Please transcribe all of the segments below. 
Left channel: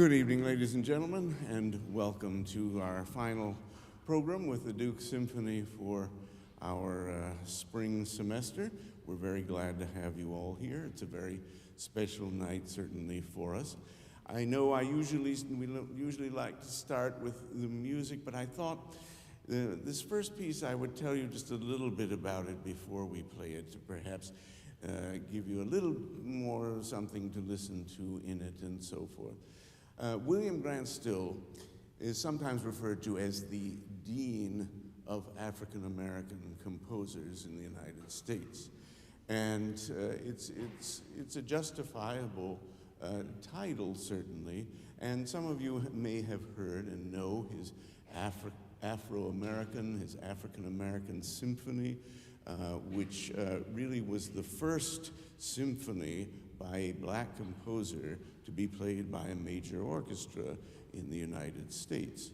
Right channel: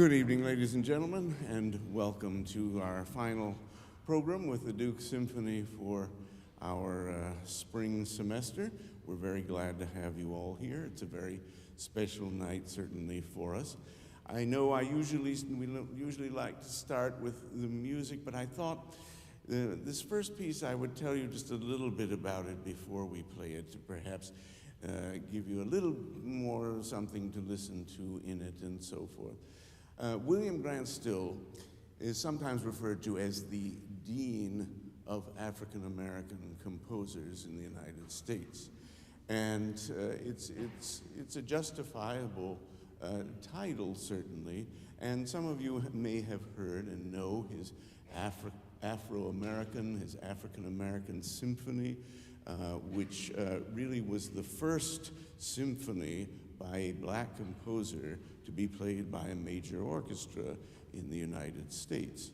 Good evening, ladies and gentlemen, and welcome to our final program with the Duke Symphony for our spring semester. We're very glad to have you all here. It's a very special night, certainly, for us. I know we usually like to start with the music, but I thought this first piece I would tell you just a little bit about it before we play it, to perhaps give you a little more something to listen to in it and so forth. William Grant Still is sometimes referred to as the Dean of African American composers in the United States. And it's a justifiable title, certainly. And some of you may have heard and know his Afro-American, his African-American Symphony, which really was the first symphony by a black composer to be played by a major orchestra in the United States.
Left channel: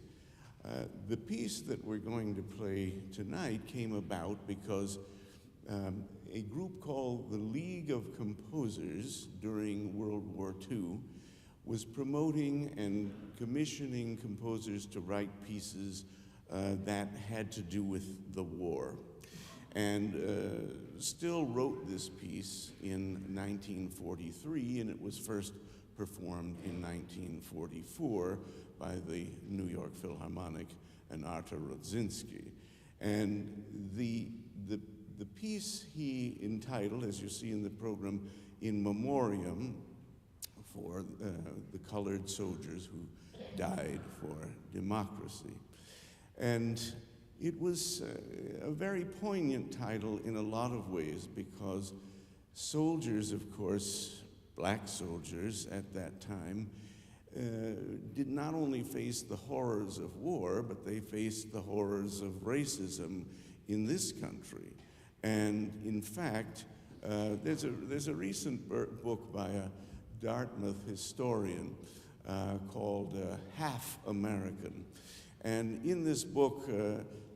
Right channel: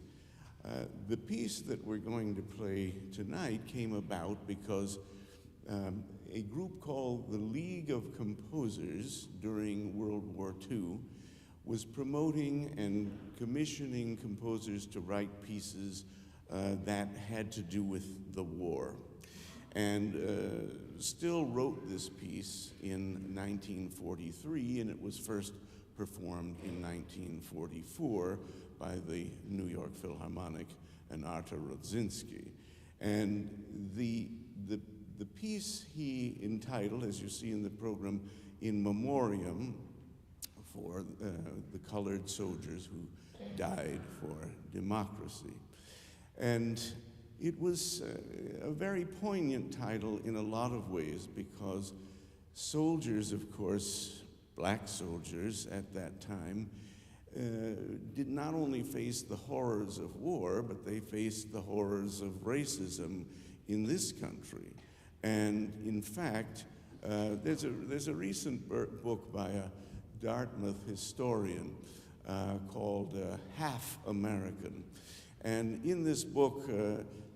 The piece that we're going to play tonight came about because a group called the League of Composers during World War II was promoting and commissioning composers to write pieces that had to do with the war. And Still wrote this piece in 1943, and it was first performed in 1944 by the New York Philharmonic and Artur Rudzinski. And the piece he entitled, as you see in the program, In Memoriam, for the colored soldiers who died for democracy. And it was a very poignant title in a lot of ways because soldiers, of course, black soldiers at that time, did not only face the horrors of war, but they faced the horrors of racism in this country. And in fact, there's a recent book by a Dartmouth historian called Half American. And in this book,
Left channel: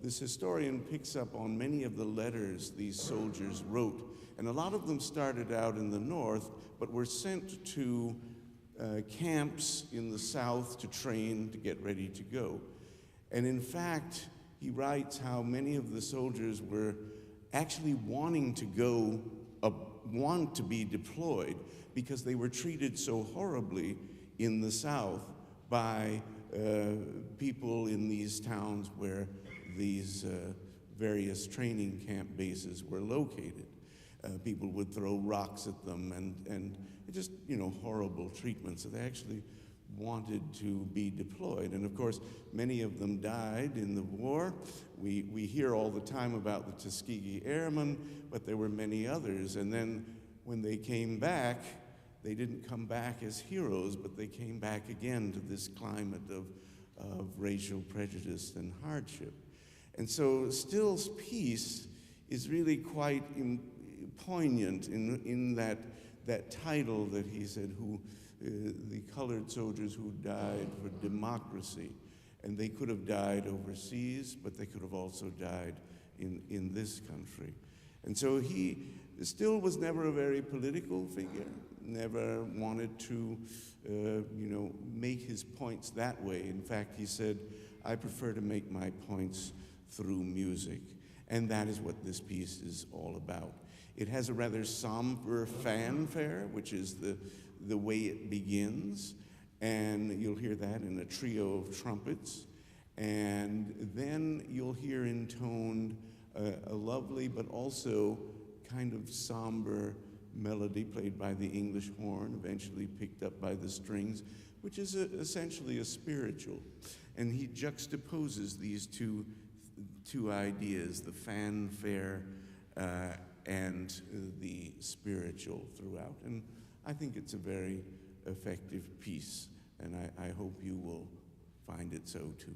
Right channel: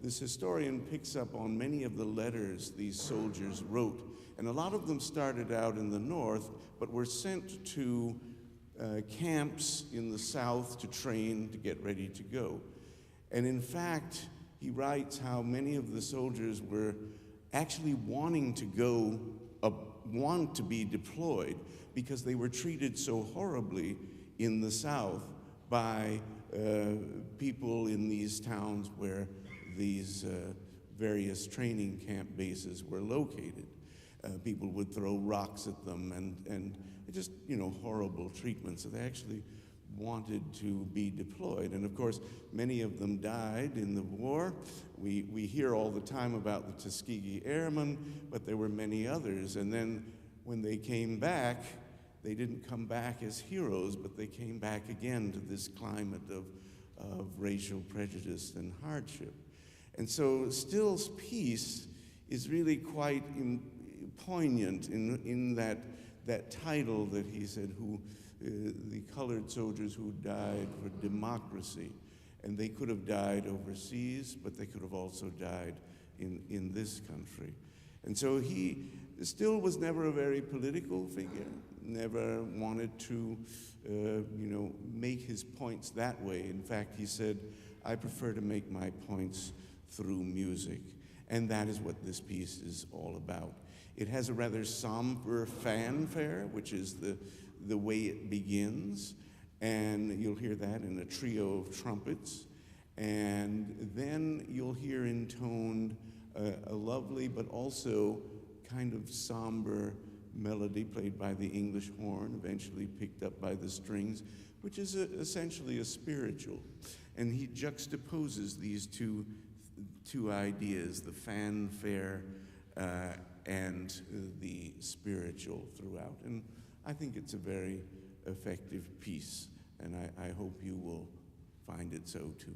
this historian picks up on many of the letters these soldiers wrote. And a lot of them started out in the North, but were sent to camps in the South to train, to get ready to go. And in fact, he writes how many of the soldiers were actually wanting to go, want to be deployed, because they were treated so horribly in the South by people in these towns where these various training camp bases were located. People would throw rocks at them and just, horrible treatment. So they actually wanted to be deployed. And of course, many of them died in the war. We hear all the time about the Tuskegee Airmen, but there were many others. And then when they came back, they didn't come back as heroes, but they came back again to this climate of racial prejudice and hardship. And so Still's piece is really quite poignant in that title that he said, the colored soldiers who died for democracy. And they could have died overseas, but they could have also died in this country. And so he Still was never a very political figure, never wanted to, make his points that way. In fact, he said, I prefer to make my points through music. And that is what this piece is all about. It has a rather somber fanfare, which is the way it begins. And you'll hear that in a trio of trumpets. And then you'll hear intoned a lovely but also kind of somber melody played by the English horn, eventually picked up by the strings, which is essentially a spiritual. And he juxtaposes these two ideas, the fanfare and the spiritual throughout. And I think it's a very effective piece, and I hope you will find it so too.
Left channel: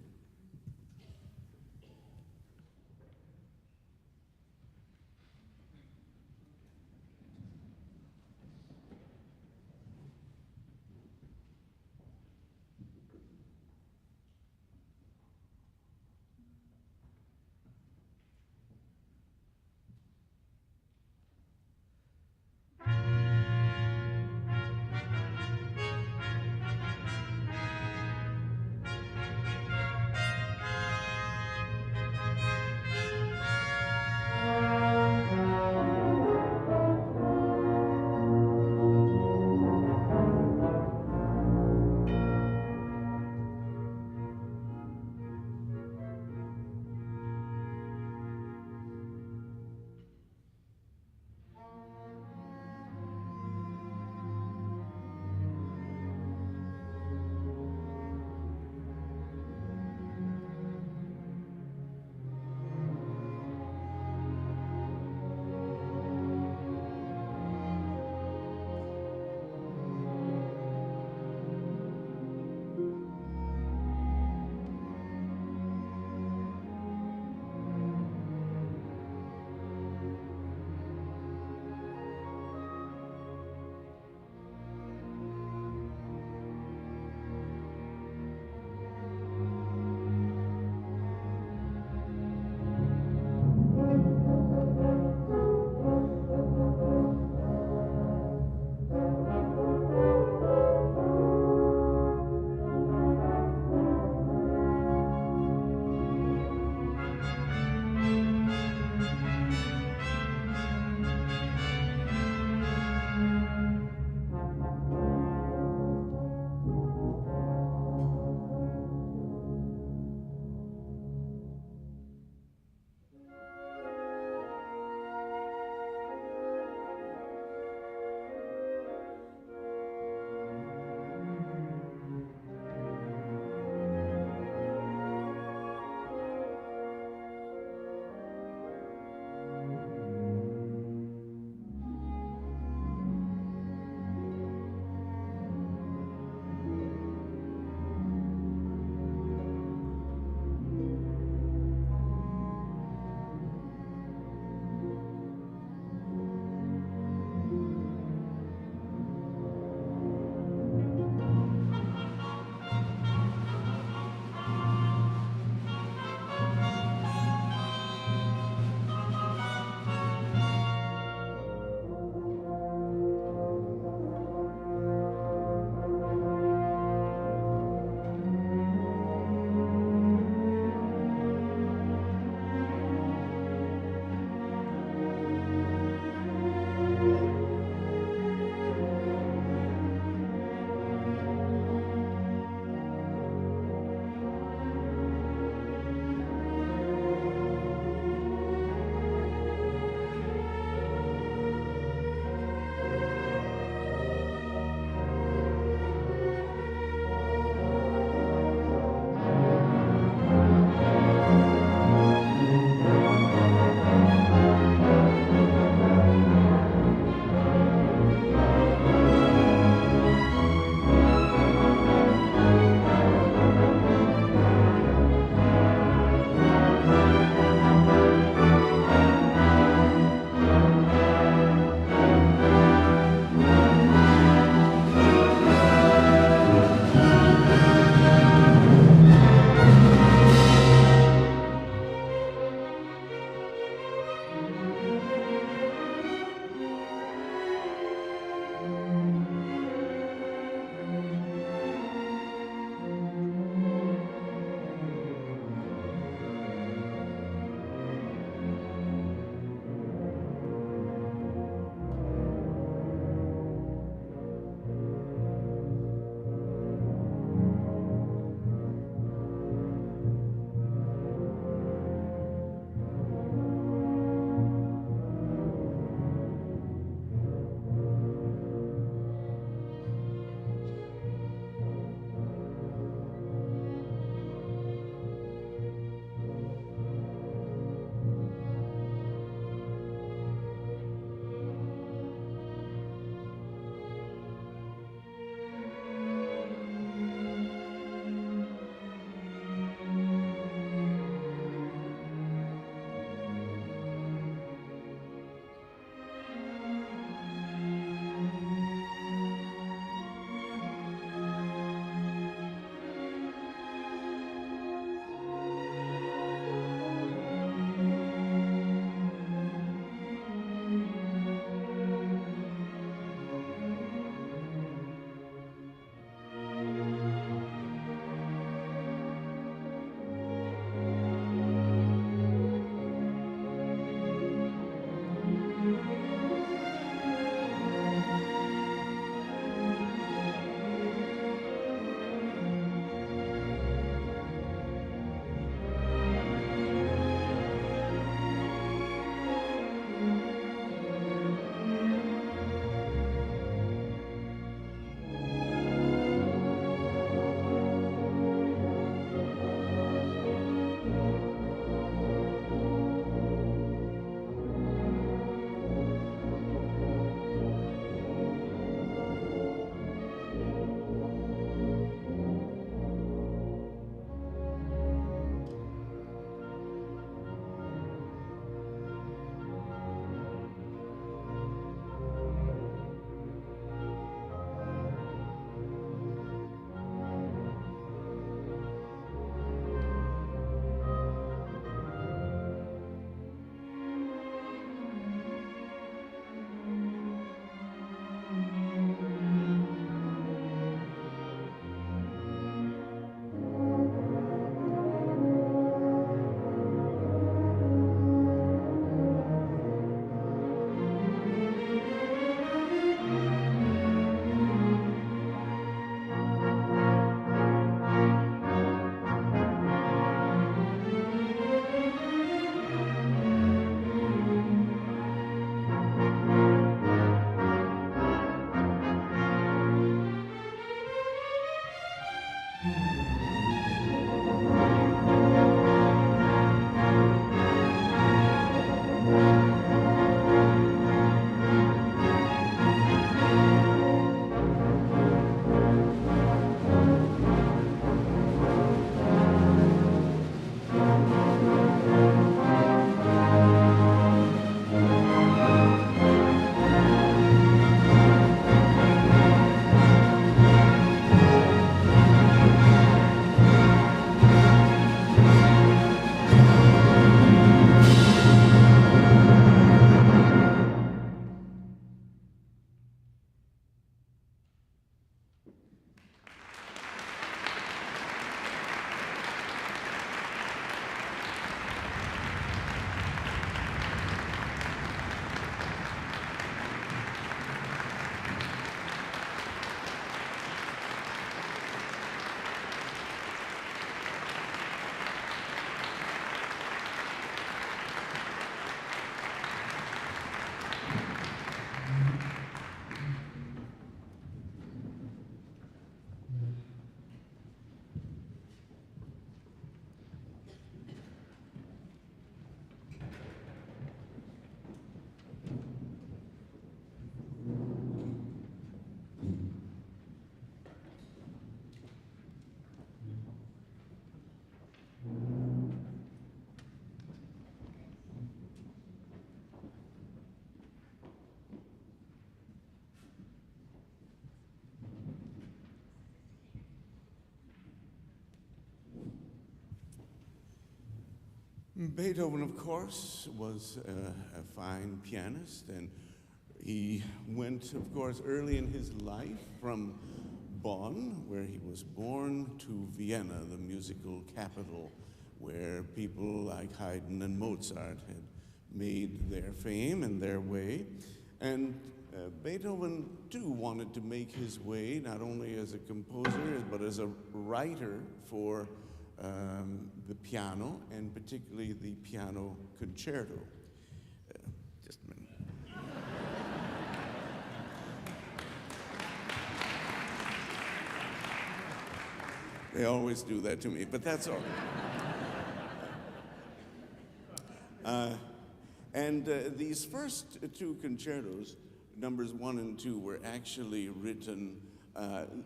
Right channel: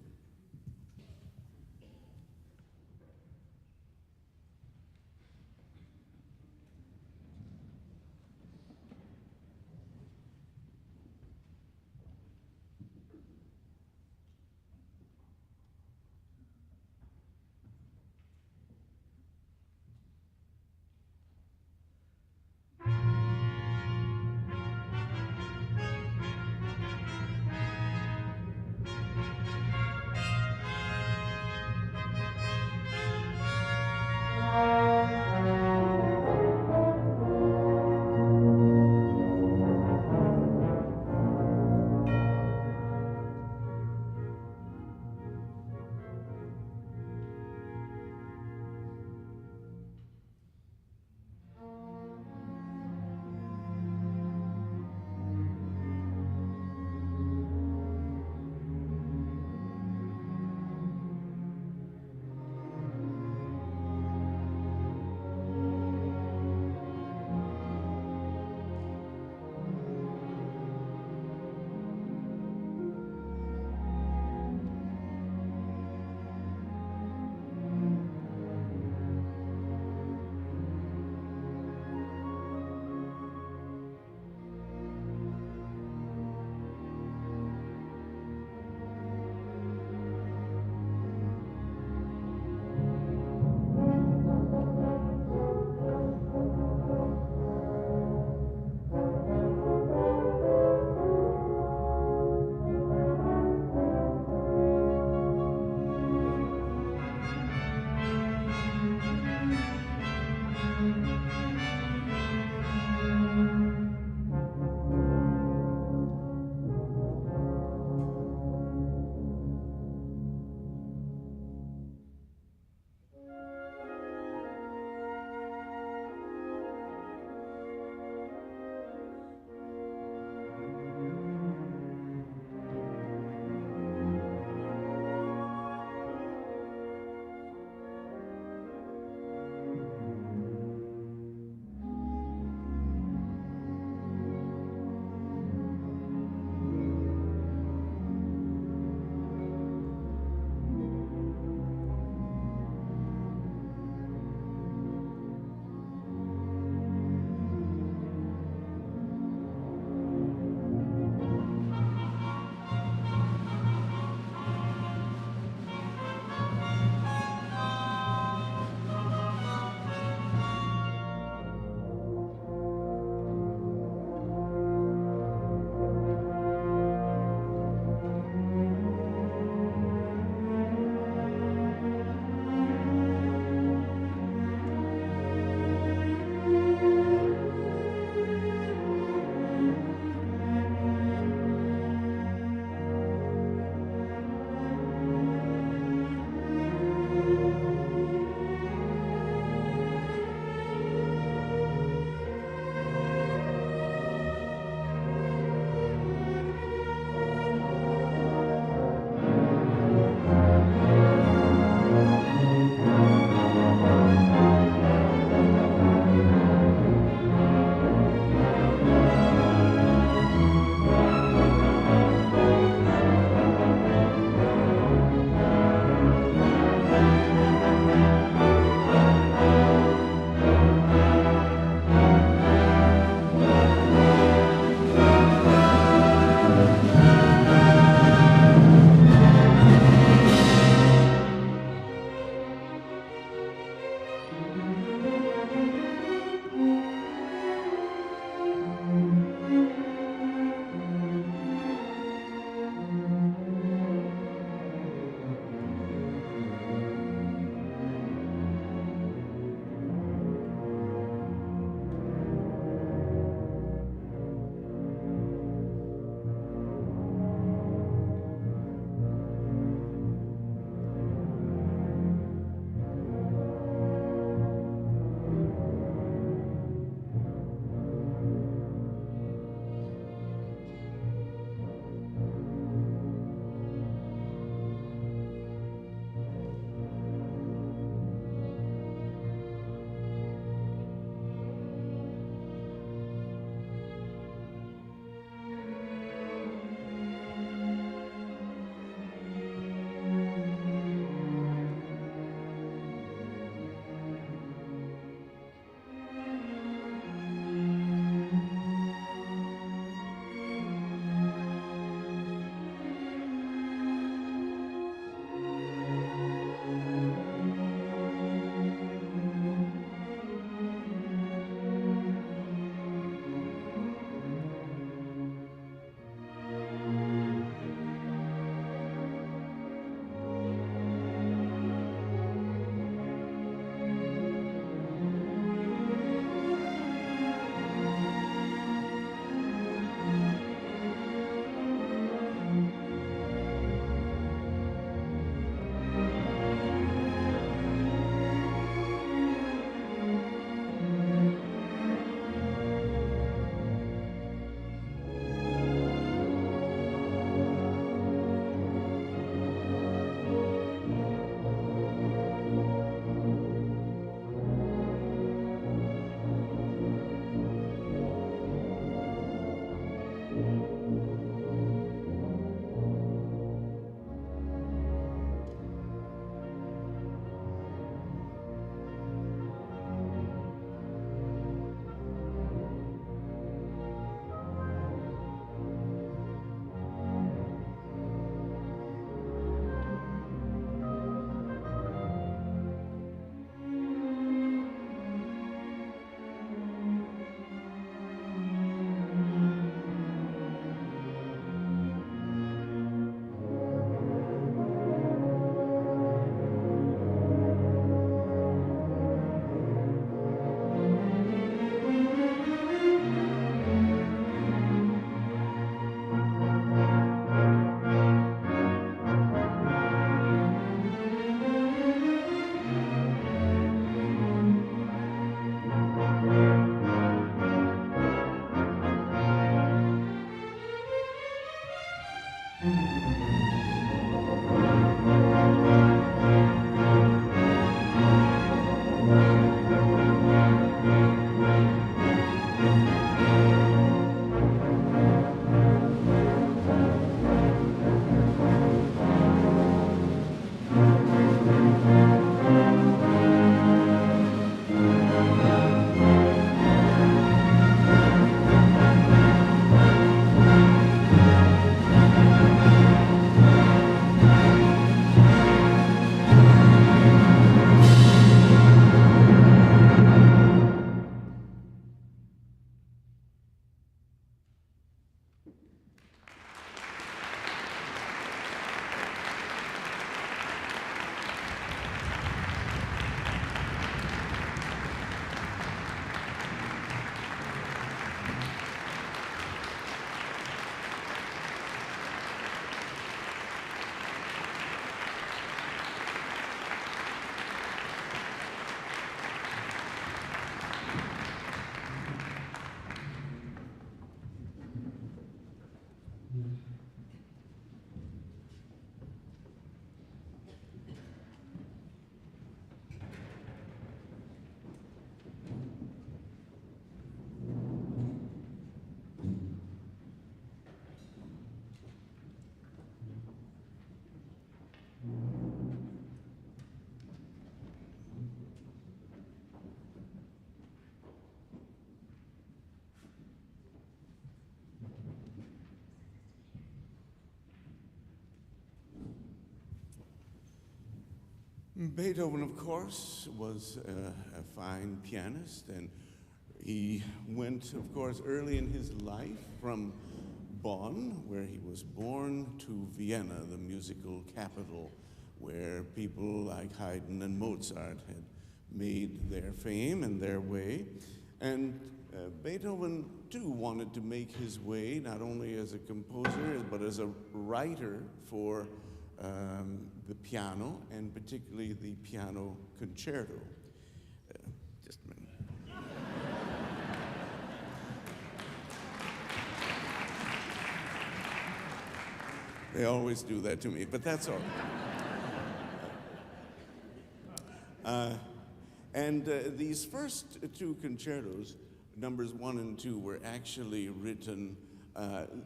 Beethoven, of course, was a fine pianist, and he went, of course, early in his life from Bonn, where he was born, to Vienna, the musical capital, where people like Haydn and Mozart had made their fame and their way. And Beethoven, too, wanted to make his way not only as a composer, but as a writer for the piano, and particularly the piano concerto. Just a minute. They always do that to me, but that's all right. These first two concertos, numbers 1 and 2, were actually written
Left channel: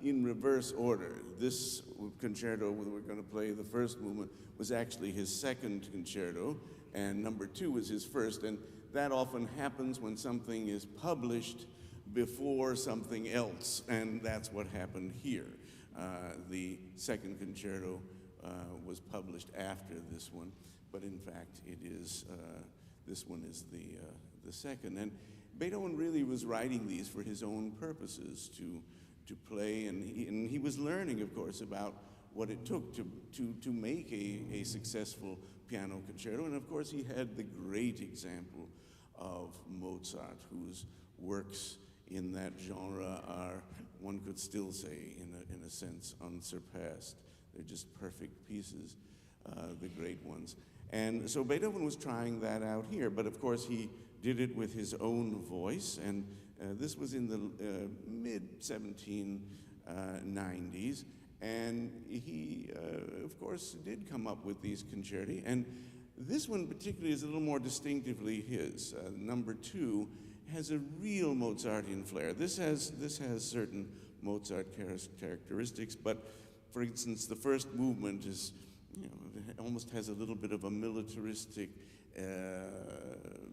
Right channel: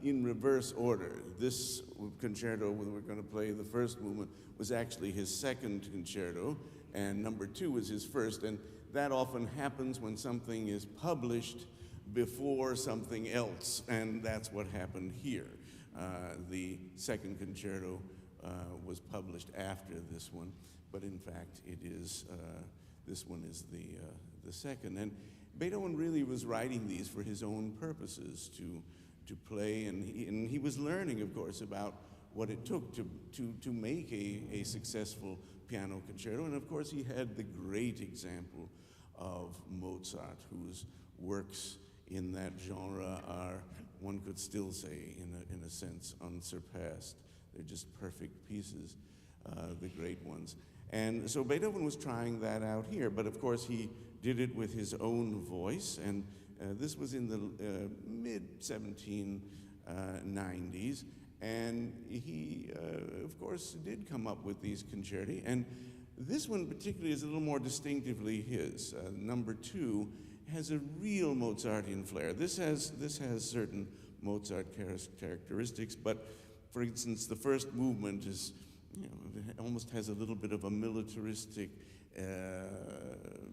in reverse order. This concerto, when we're going to play the first movement, was actually his second concerto, and number 2 was his first. And that often happens when something is published before something else, and that's what happened here. The second concerto was published after this one, but in fact, it is this one is the second. And Beethoven really was writing these for his own purposes, to play, and he was learning, of course, about what it took to make a successful piano concerto. And of course, he had the great example of Mozart, whose works in that genre are, one could still say, in a sense, unsurpassed. They're just perfect pieces, the great ones. And so Beethoven was trying that out here, but of course he did it with his own voice, and this was in the mid-1790s, and he, of course, did come up with these concerti, and this one particularly is a little more distinctively his. Number 2 has a real Mozartian flair. This has certain Mozart characteristics, but for instance, the first movement is, it almost has a little bit of a militaristic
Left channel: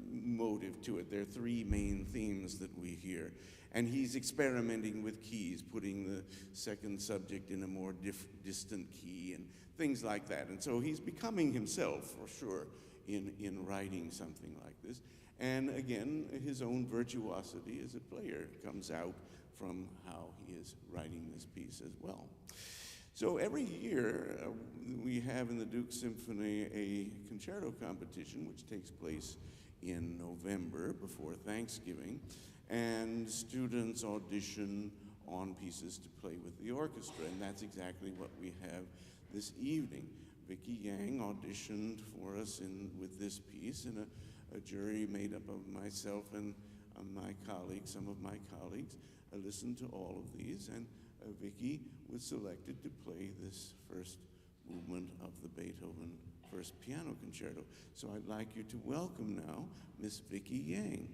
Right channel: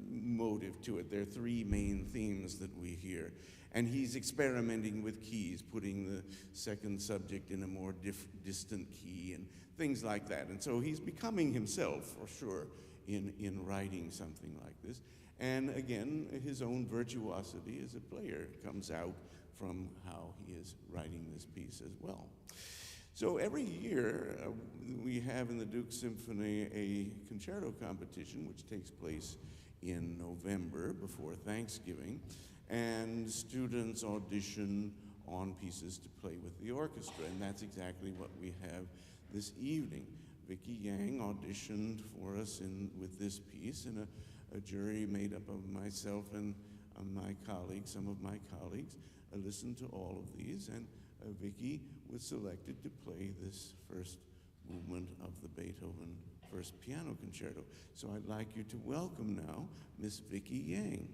motive to it. There are 3 main themes that we hear. And he's experimenting with keys, putting the second subject in a more distant key and things like that. And so he's becoming himself, for sure, in writing something like this. And again, his own virtuosity as a player comes out from how he is writing this piece as well. So every year, we have in the Duke Symphony a concerto competition, which takes place in November before Thanksgiving, and students audition on pieces to play with the orchestra, and that's exactly what we have this evening. Vicky Yang auditioned for us with this piece, and a jury made up of myself and my colleagues, some of my colleagues, listened to all of these, and Vicky was selected to play this first movement of the Beethoven First Piano Concerto. So I'd like you to welcome now Miss Vicky Yang.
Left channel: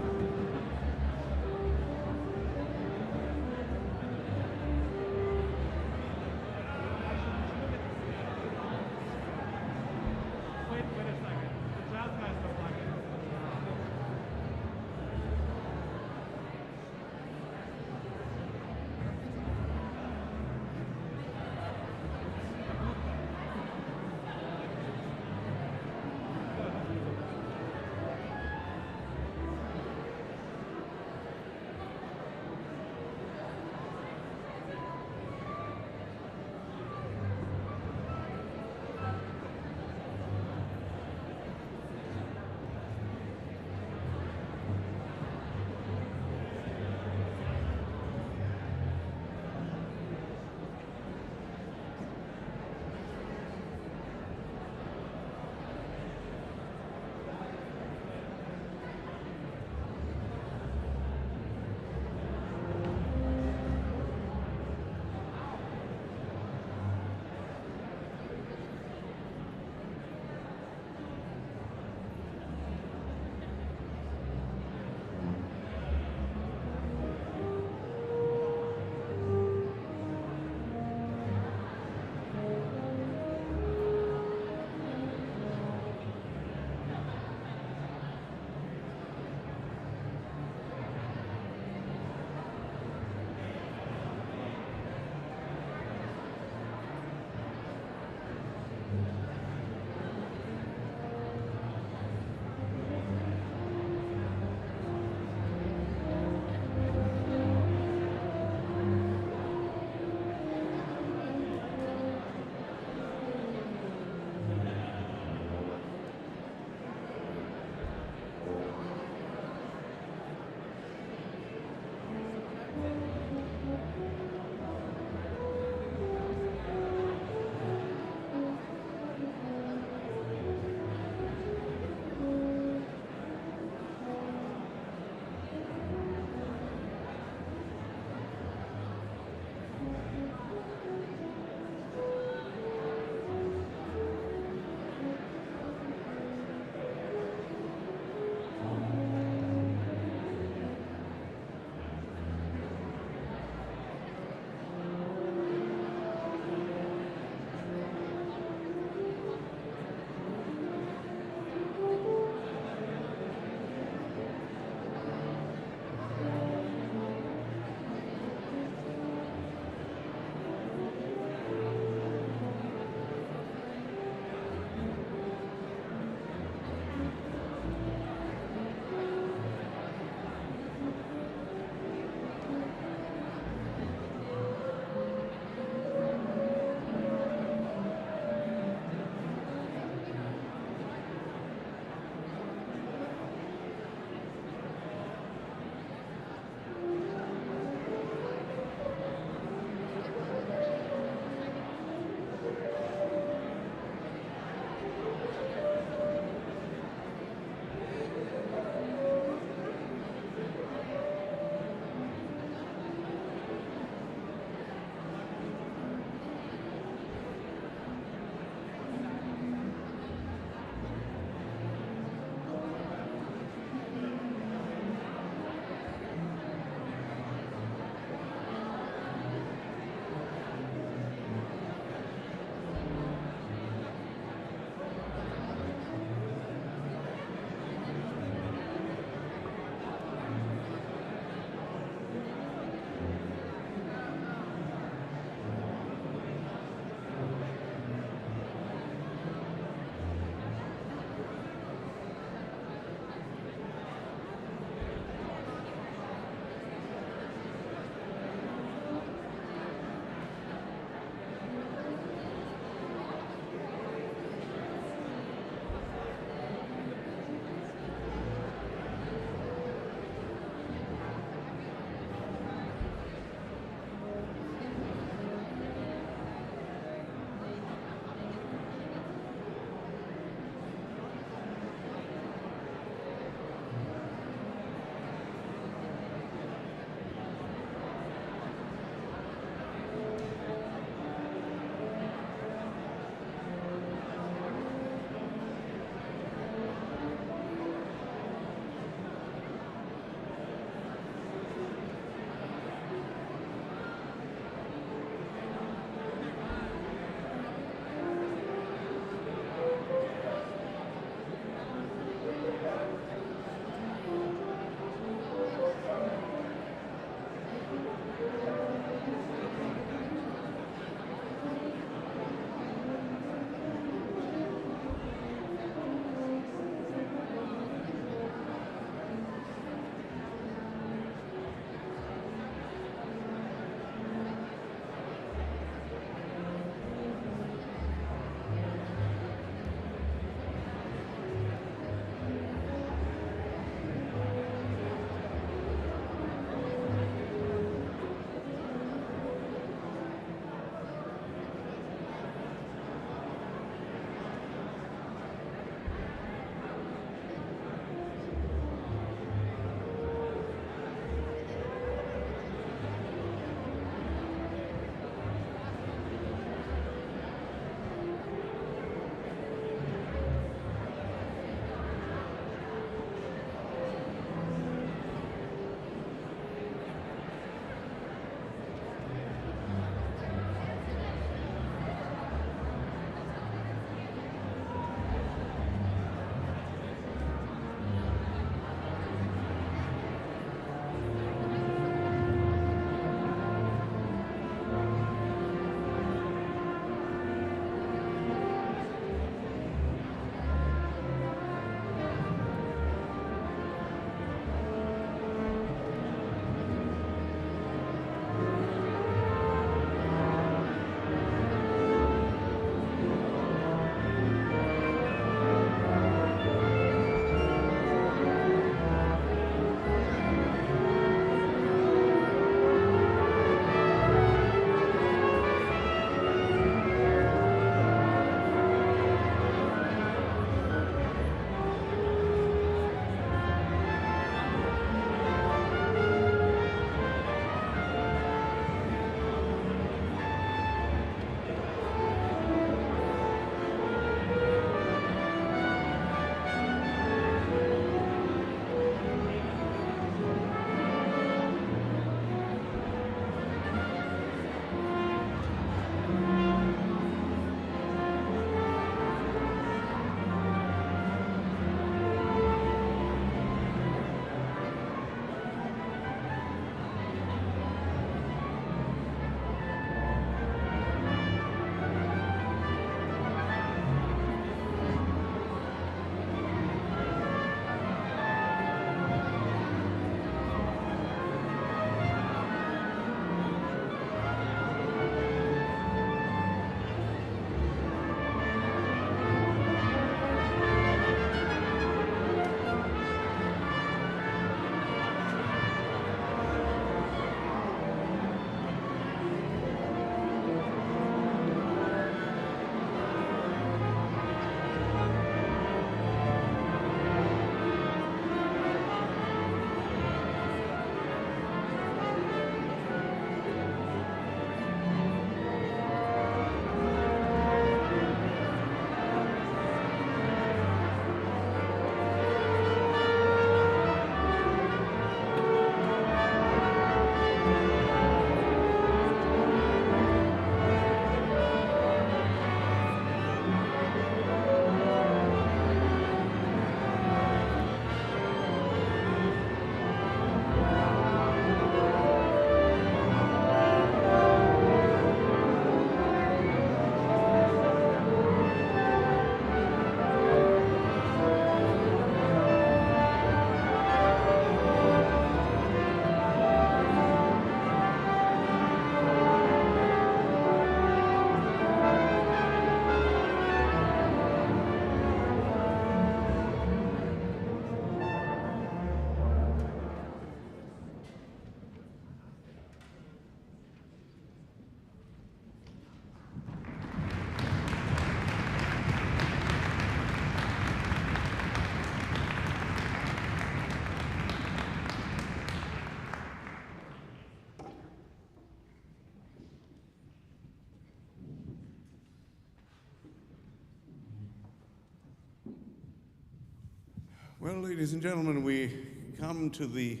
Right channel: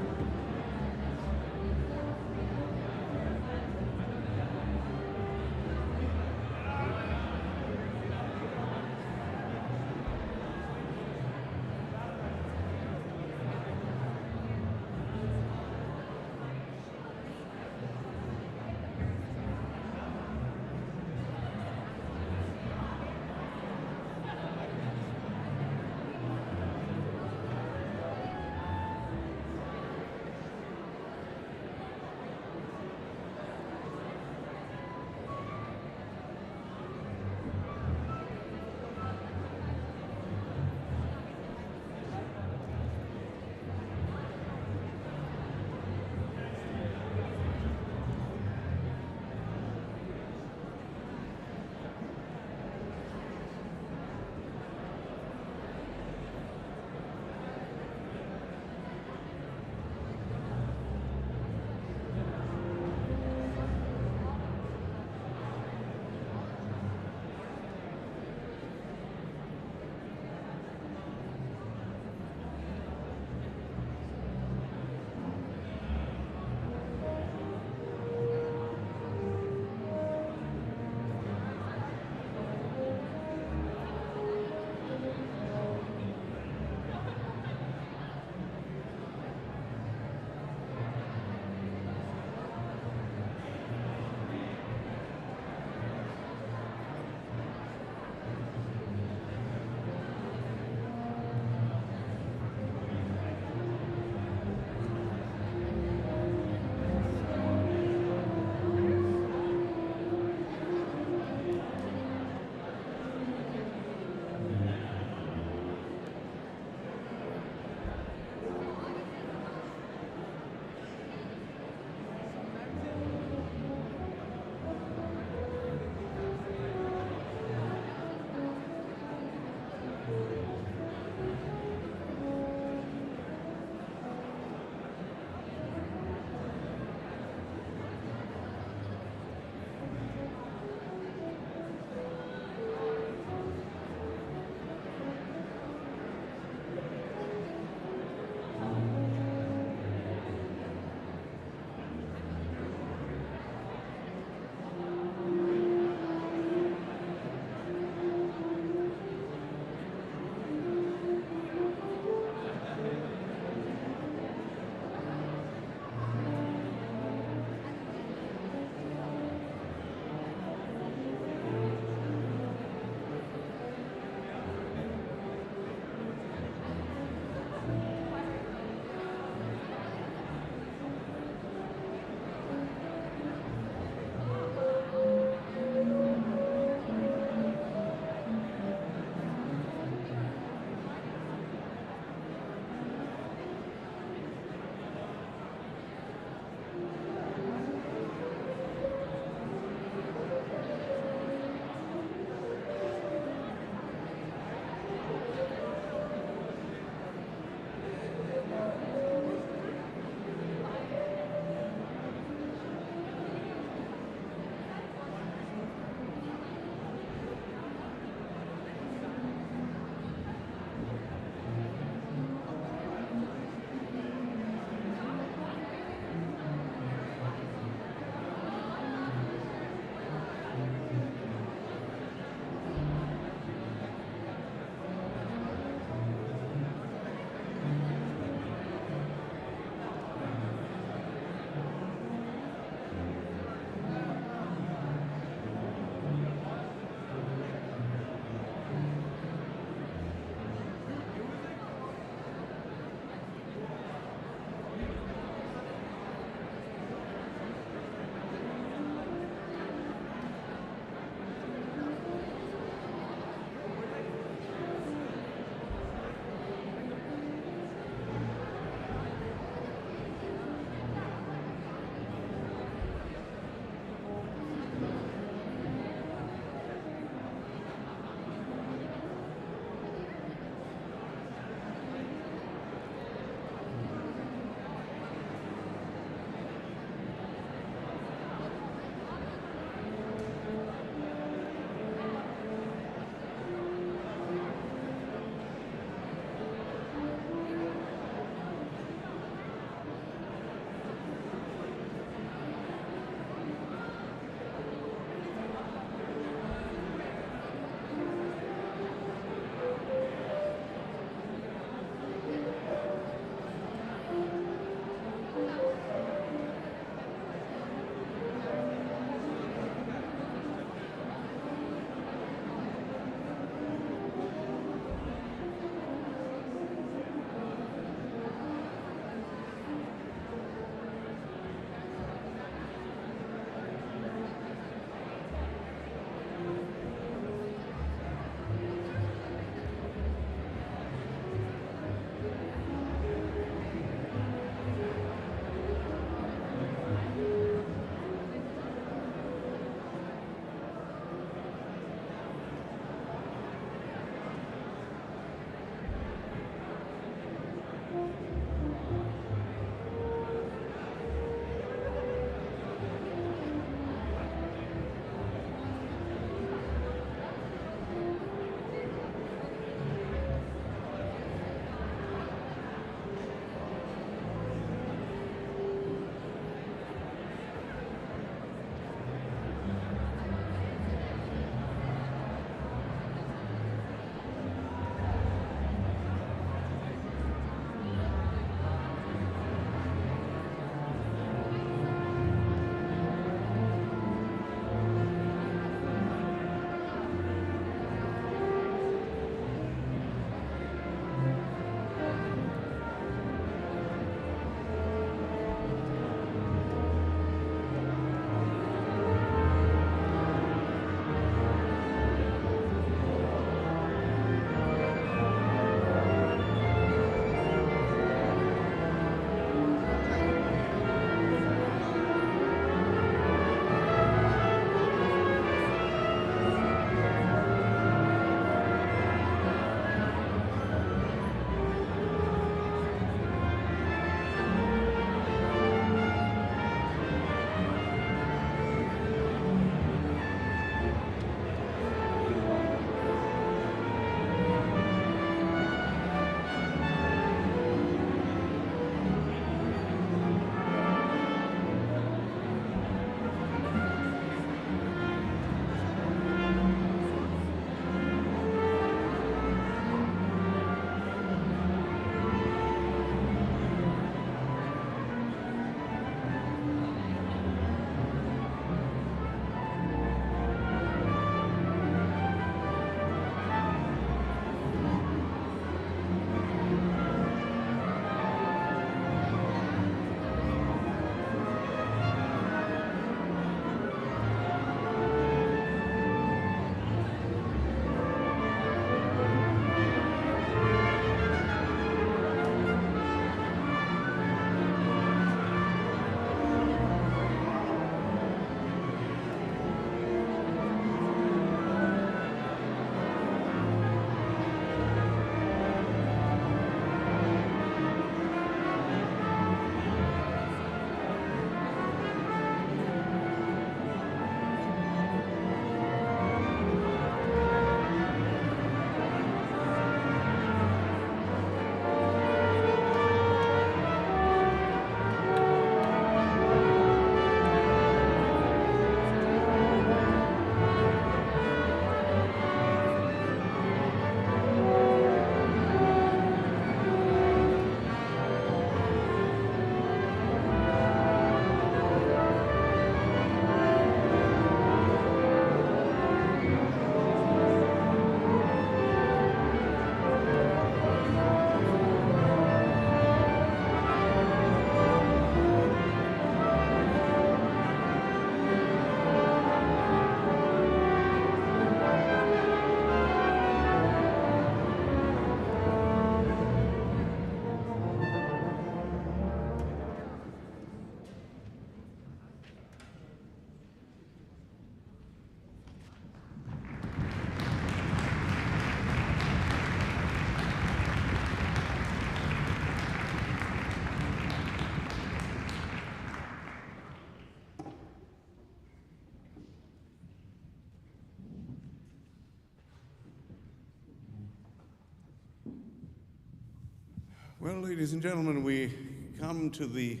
Well, ladies and gentlemen, we come to the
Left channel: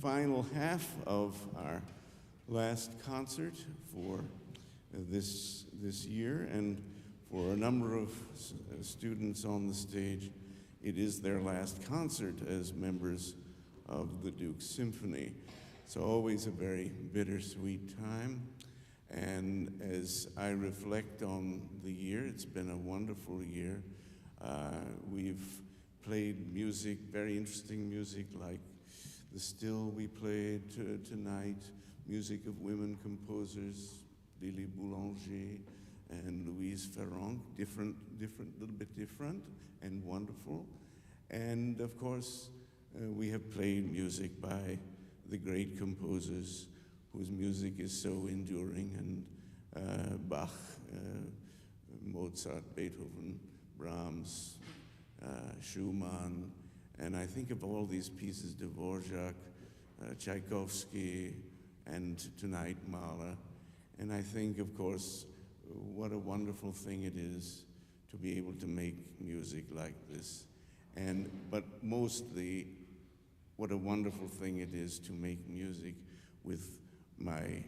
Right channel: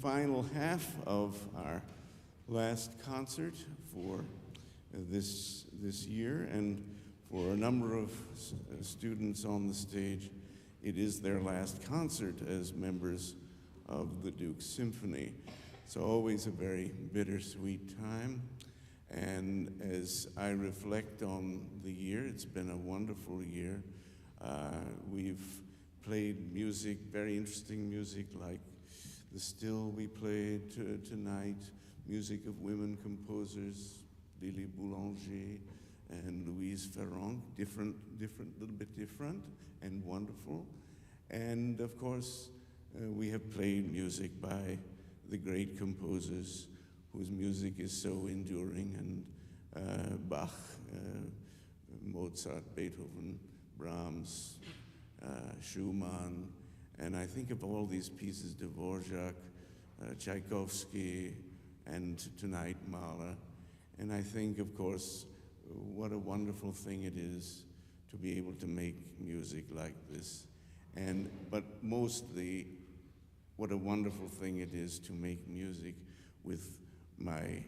final half of our last concert for this year, and for a number of students on the stage, it is their last concert as members of the Duke Symphony. So always a very bittersweet time. And as I reflect on the year, it's been a wonderful year. We've played music, very interesting music, like the Still we played tonight, music of women composers, Lily Boulanger and Louise Ferrand, different, little bit different and wonderful. And of course, we have played music by the great composers whose music is so enduring, and Bach, Mozart, Beethoven, Brahms, Schumann, and I think of all these pieces, Dvorak, Tchaikovsky, and tonight Mahler. And I think, of course, what a wonderful thing it is to be able to make music like this. But mostly, what a wonderful thing it is to make music with my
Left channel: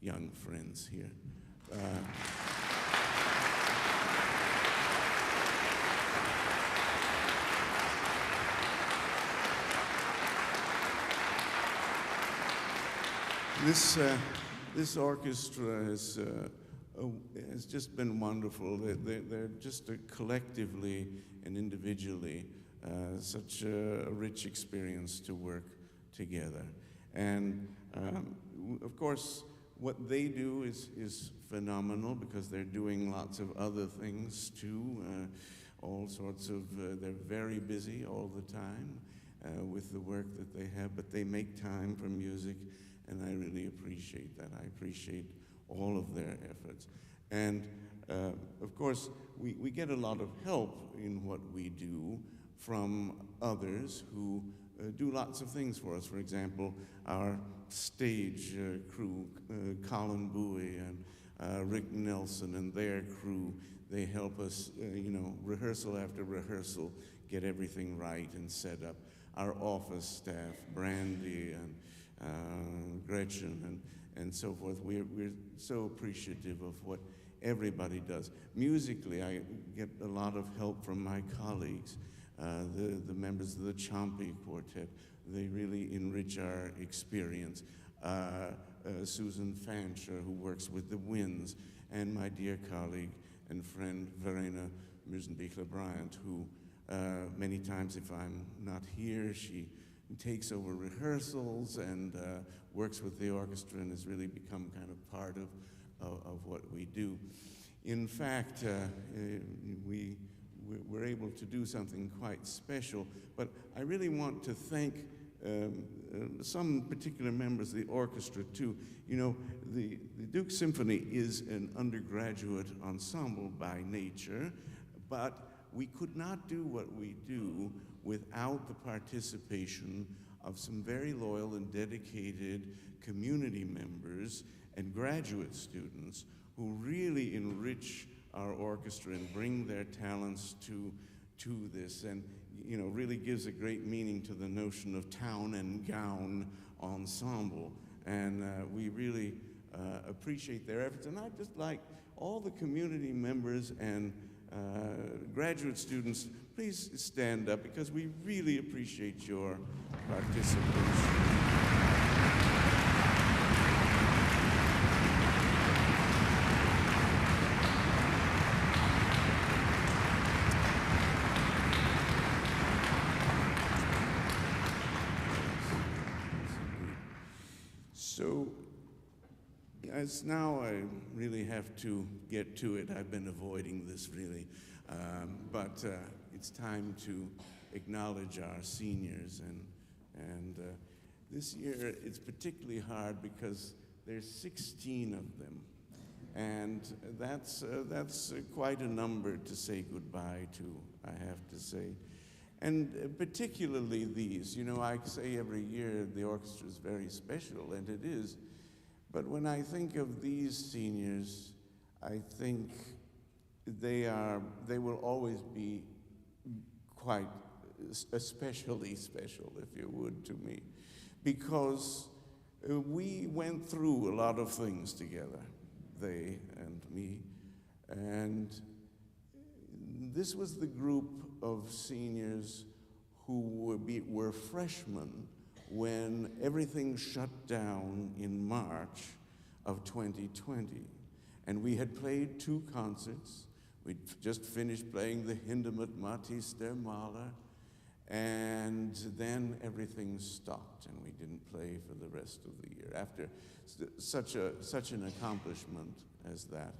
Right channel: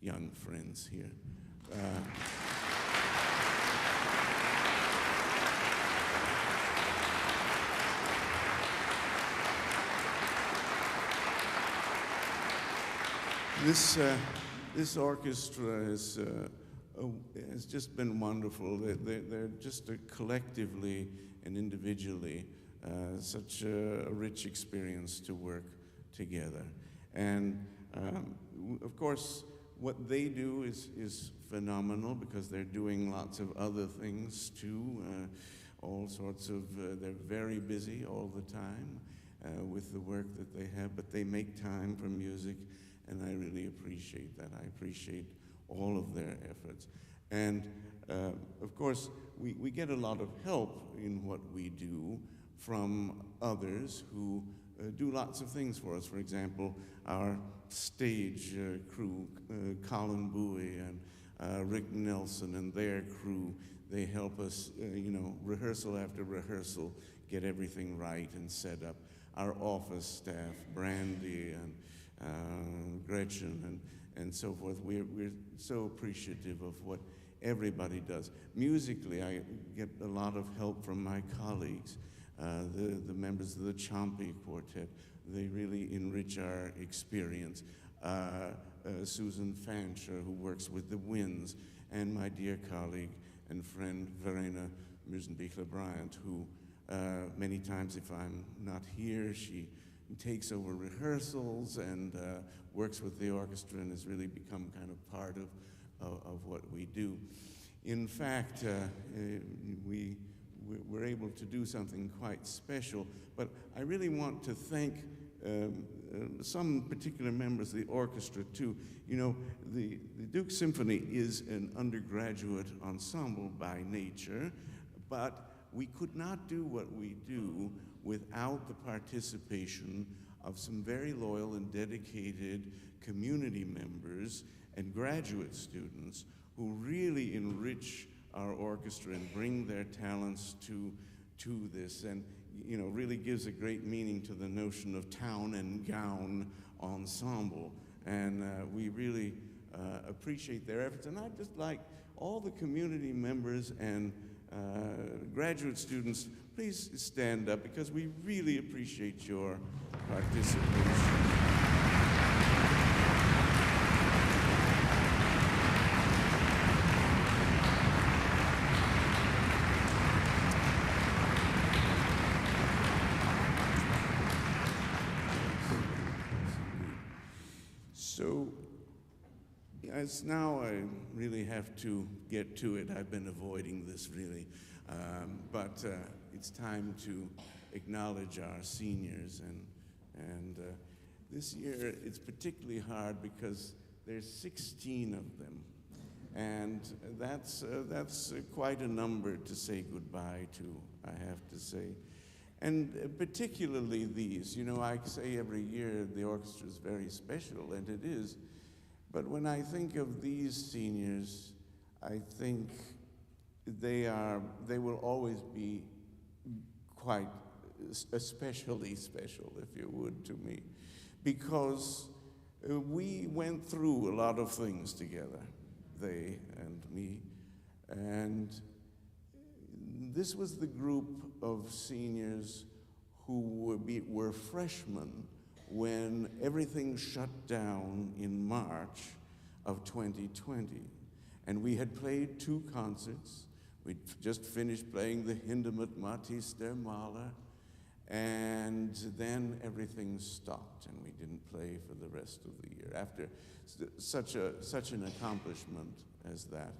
young friends here. This orchestra has just been wonderful. They're just collectively and individually such a rich experience to work together. And of course, what they do is phenomenal, because they're doing lots of other things too. All sorts of, they're very busy all the time with the work that they have, but they make time for music. And I really appreciate that. I appreciate all of their efforts. And of course, we get a lot of help in what we do from others who do lots of things for us. For example, our stage crew, Colin Bowie and Rick Nelson and their crew, they help us, rehearsal after rehearsal, get everything right and set up. Our office staff, Brandy and Gretchen and so forth. We're so appreciative of what everybody does. Musically, I get a lot of help from my colleagues, the members of the Ciampi Quartet. They really enrich our experience. Susan Fancher, who works with the winds, and my dear colleague and friend Verena Müsenbichler-Bryant, who many times, if I'm not here, she takes over rehearsals and works with the orchestra and has really become kind of part of what we do. In fact, we're able to do something quite special, but I really want to thank some particular members of the orchestra too. You know, the Duke Symphony is an undergraduate ensemble by nature, but we could not do what we do without the participation of some very loyal and dedicated community members and graduate students who really enrich our orchestra and bring their talents to this, and really gives a great meaning to the notion of town and gown ensemble. And we really appreciate their efforts. And I'd just like all the community members and graduate students, please stand up, because we really appreciate your participation. So, as now I really have to get to it. I've been avoiding this really, but it's time to acknowledge our seniors, and this year it's particularly hard because there's 16 of them, and that's quite a number to say goodbye to, I have to say. And particularly these, I say every year the orchestra is very special, and it is. But when I think of these seniors, I think they will always be quite especially special, if you would, to me, because we went through a lot of things together, they and me, and this was the group of seniors who were freshmen when everything shut down in March of 2020. And we had played 2 concerts. We'd just finished playing the Hindemith Matisse der Mahler, and then everything stopped, and we didn't play for the rest of the year after such an accomplishment as that.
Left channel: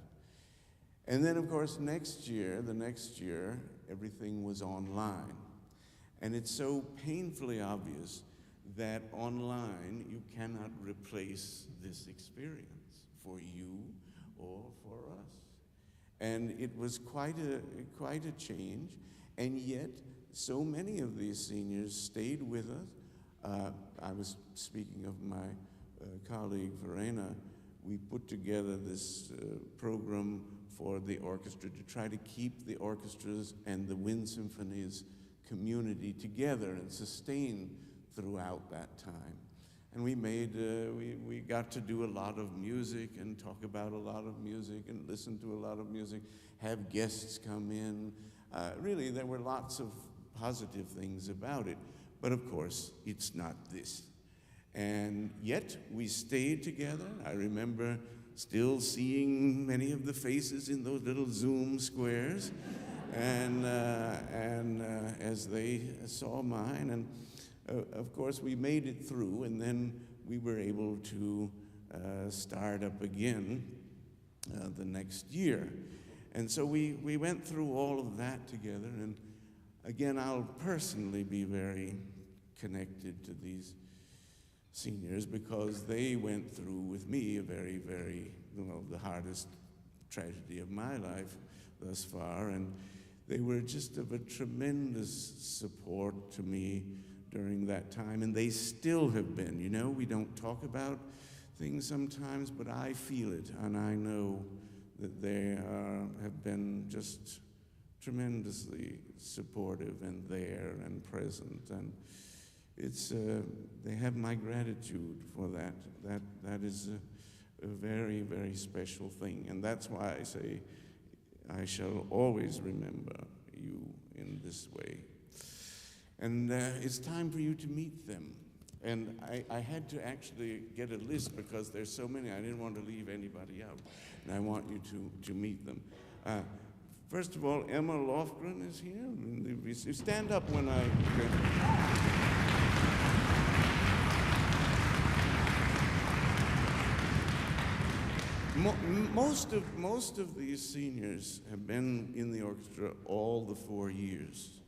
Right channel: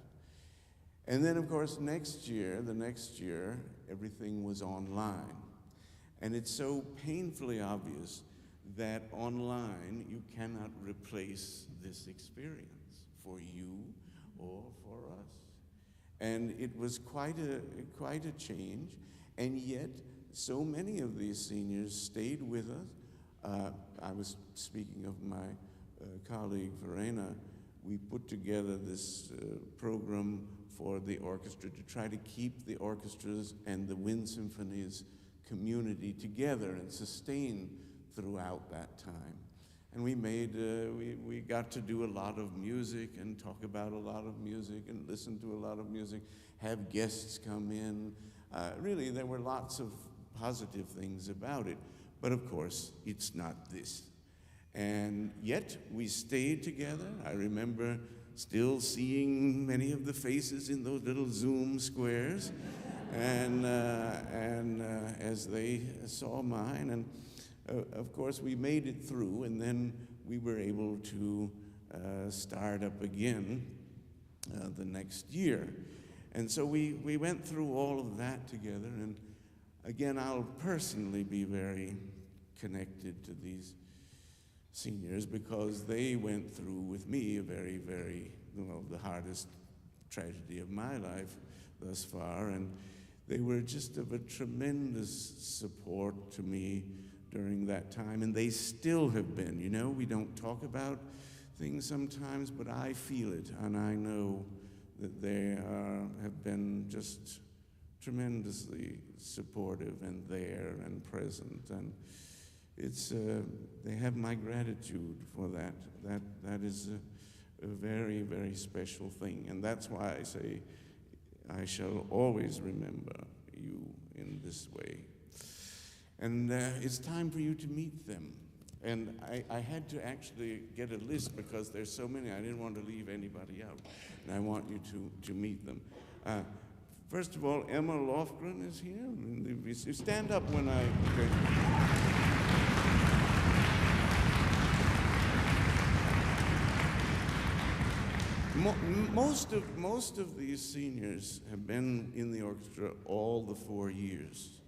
And then, of course, the next year, everything was online. And it's so painfully obvious that online you cannot replace this experience for you or for us. And it was quite a change, and yet so many of these seniors stayed with us. I was speaking of my colleague Verena. We put together this program for the orchestra to try to keep the orchestras and the wind symphonies community together and sustain throughout that time. And we got to do a lot of music and talk about a lot of music and listen to a lot of music, have guests come in. Really, there were lots of positive things about it. But of course, it's not this. And yet, we stayed together. I remember still seeing many of the faces in those little Zoom squares. And as they saw mine, and of course we made it through, and then we were able to start up again the next year. And so we went through all of that together, and again, I'll personally be very connected to these seniors because they went through with me a very, very, the hardest tragedy of my life thus far, and they were just of a tremendous support to me during that time, and they still have been. You know, we don't talk about things sometimes, but I feel it, and I know that they have been just tremendously supportive and there and present, and it's they have my gratitude for that. That is a very, very special thing, and that's why I say I shall always remember you in this way. And it's time for you to meet them. And I had to actually get a list because there's so many. I didn't want to leave anybody out. And I want you to meet them. First of all, Emma Lofgren is here. You stand up when I... Okay. Most of these seniors have been in the orchestra all the 4 years,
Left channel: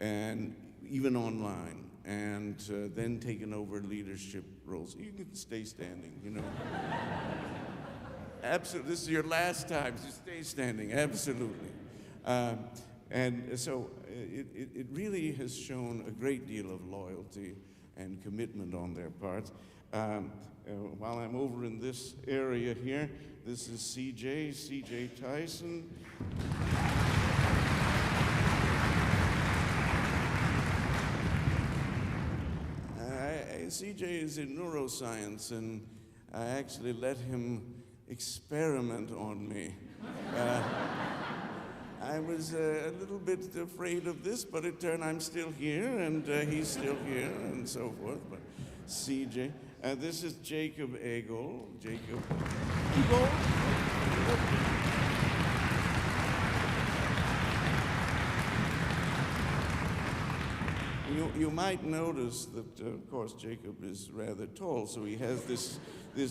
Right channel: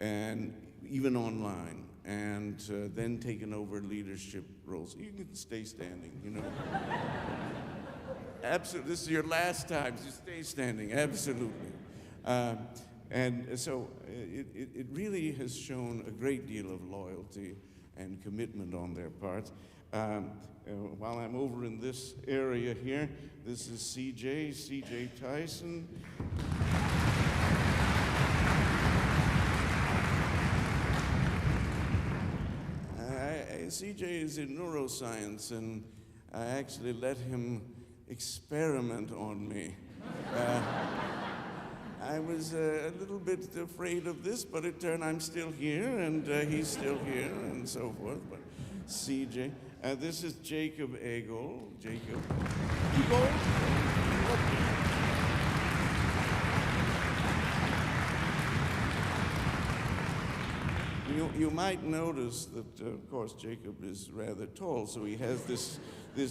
and even online, and then taken over leadership roles. You can stay standing, you know. Absolutely, this is your last time, so stay standing, absolutely. And so it really has shown a great deal of loyalty and commitment on their part. While I'm over in this area here, this is C.J. Tyson. C.J. is in neuroscience, and I actually let him experiment on me. I was a little bit afraid of this, but it turned I'm still here, and he's still here, and so forth. But C.J. This is Jacob Egel. Jacob Egel. You might notice that, of course, Jacob is rather tall, so he has this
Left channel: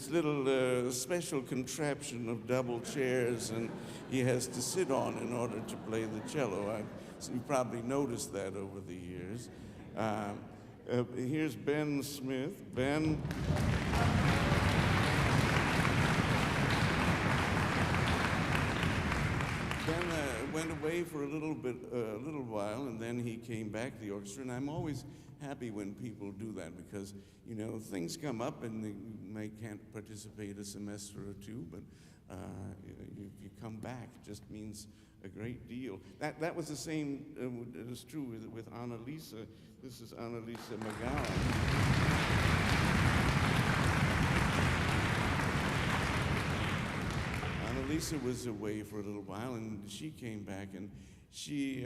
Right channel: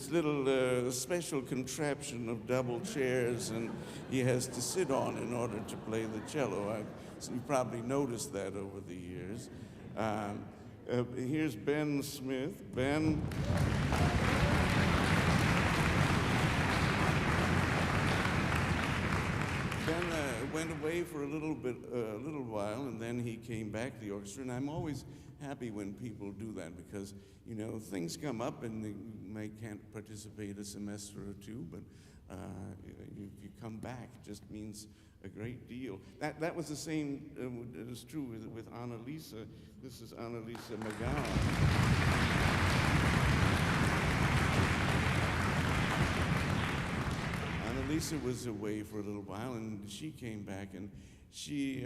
little special contraption of double chairs, and he has to sit on in order to play the cello. You probably noticed that over the years. Here's Ben Smith. Ben. then went away for a little while, and then he came back to the orchestra. And I'm always happy when people do that because, you know, things come up and they can't participate a semester or two, but if you come back, it just means a great deal. That was the same, it was true with Annalisa. This is Annalisa McGowan. Annalisa was away for a little while, and she came back, and she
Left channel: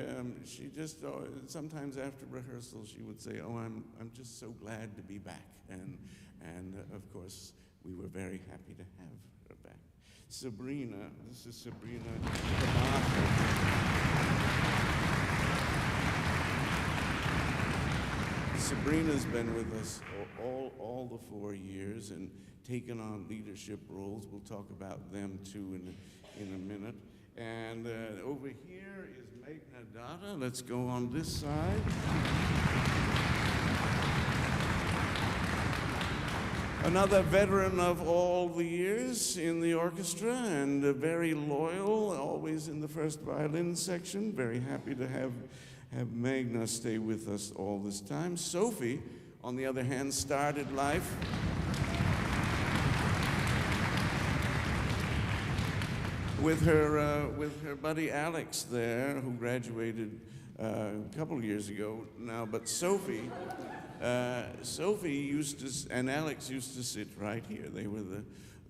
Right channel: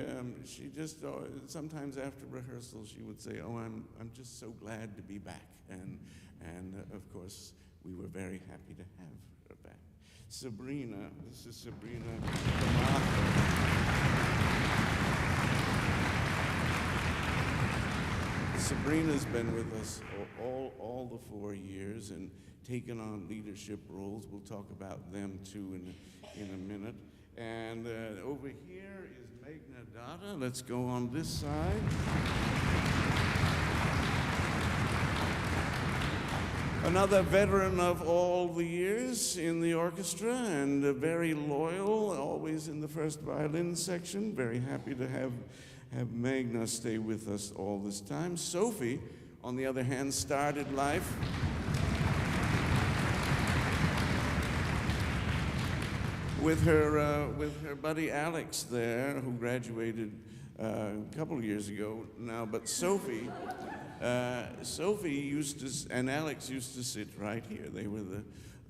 just sometimes after rehearsal she would say, "Oh, I'm just so glad to be back," and of course we were very happy to have her back. Sabrina, this is Sabrina Camacho. Sabrina's been with us all the 4 years and taken on leadership roles. We'll talk about them too in a minute. And over here is Magna Data. Let's go on this side. Another veteran of all the years in the orchestra and very loyal, always in the first violin section. Very happy to have Magna stay with us all this time. Sophie, on the other hand, started life with her buddy Alex there, who graduated a couple of years ago now. But Sophie used to, and Alex used to sit right here. They were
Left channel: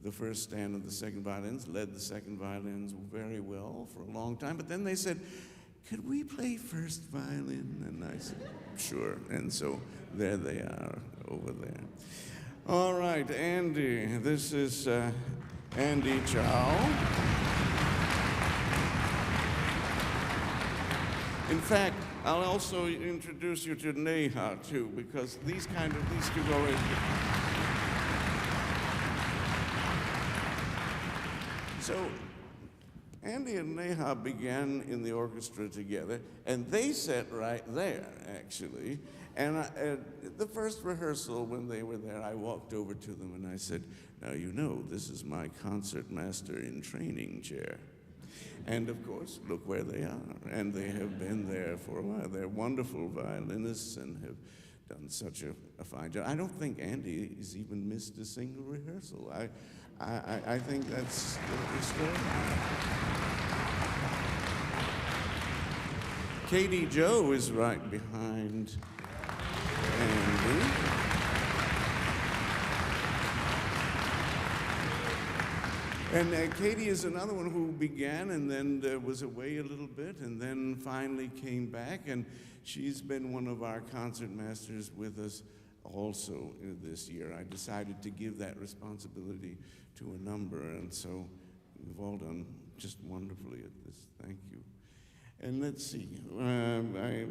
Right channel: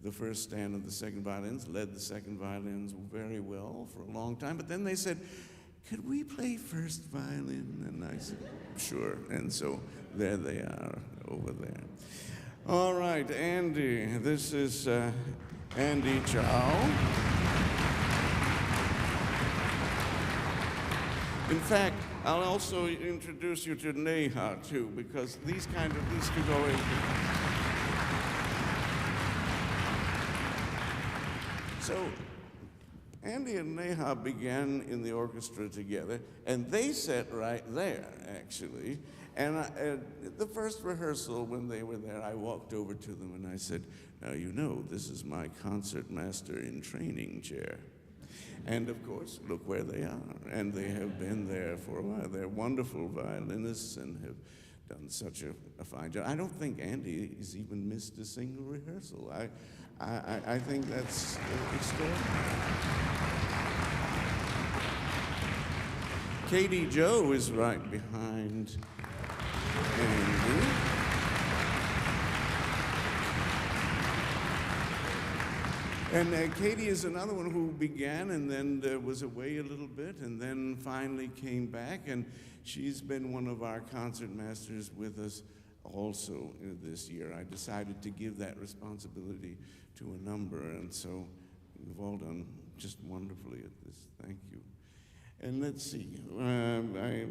the first stand of the second violins, led the second violins very well for a long time. But then they said, "Could we play first violin?" And I said, "Sure." And so there they are over there. All right, Andy. This is Andy Chow. In fact, I'll also introduce you to Neha, too, because these two go in. So, Andy and Neha began in the orchestra together, and they sat right there, actually. And at the first rehearsal, when they were there, I walked over to them and I said, "Now, you know, this is my concertmaster in training chair." And of course, look where they are. And they have been there for a while. They're wonderful violinists and have done such a fine job. I don't think Andy has even missed a single rehearsal. I think that's extraordinary. Katie Joe is right behind Andy. And Katie is another one who began and then was away a little bit and then finally came back. And she's been one of our concertmasters with us also this year. I decided to give that responsibility to a number, and so you've all done just wonderfully at this. Thank you. And let's see, I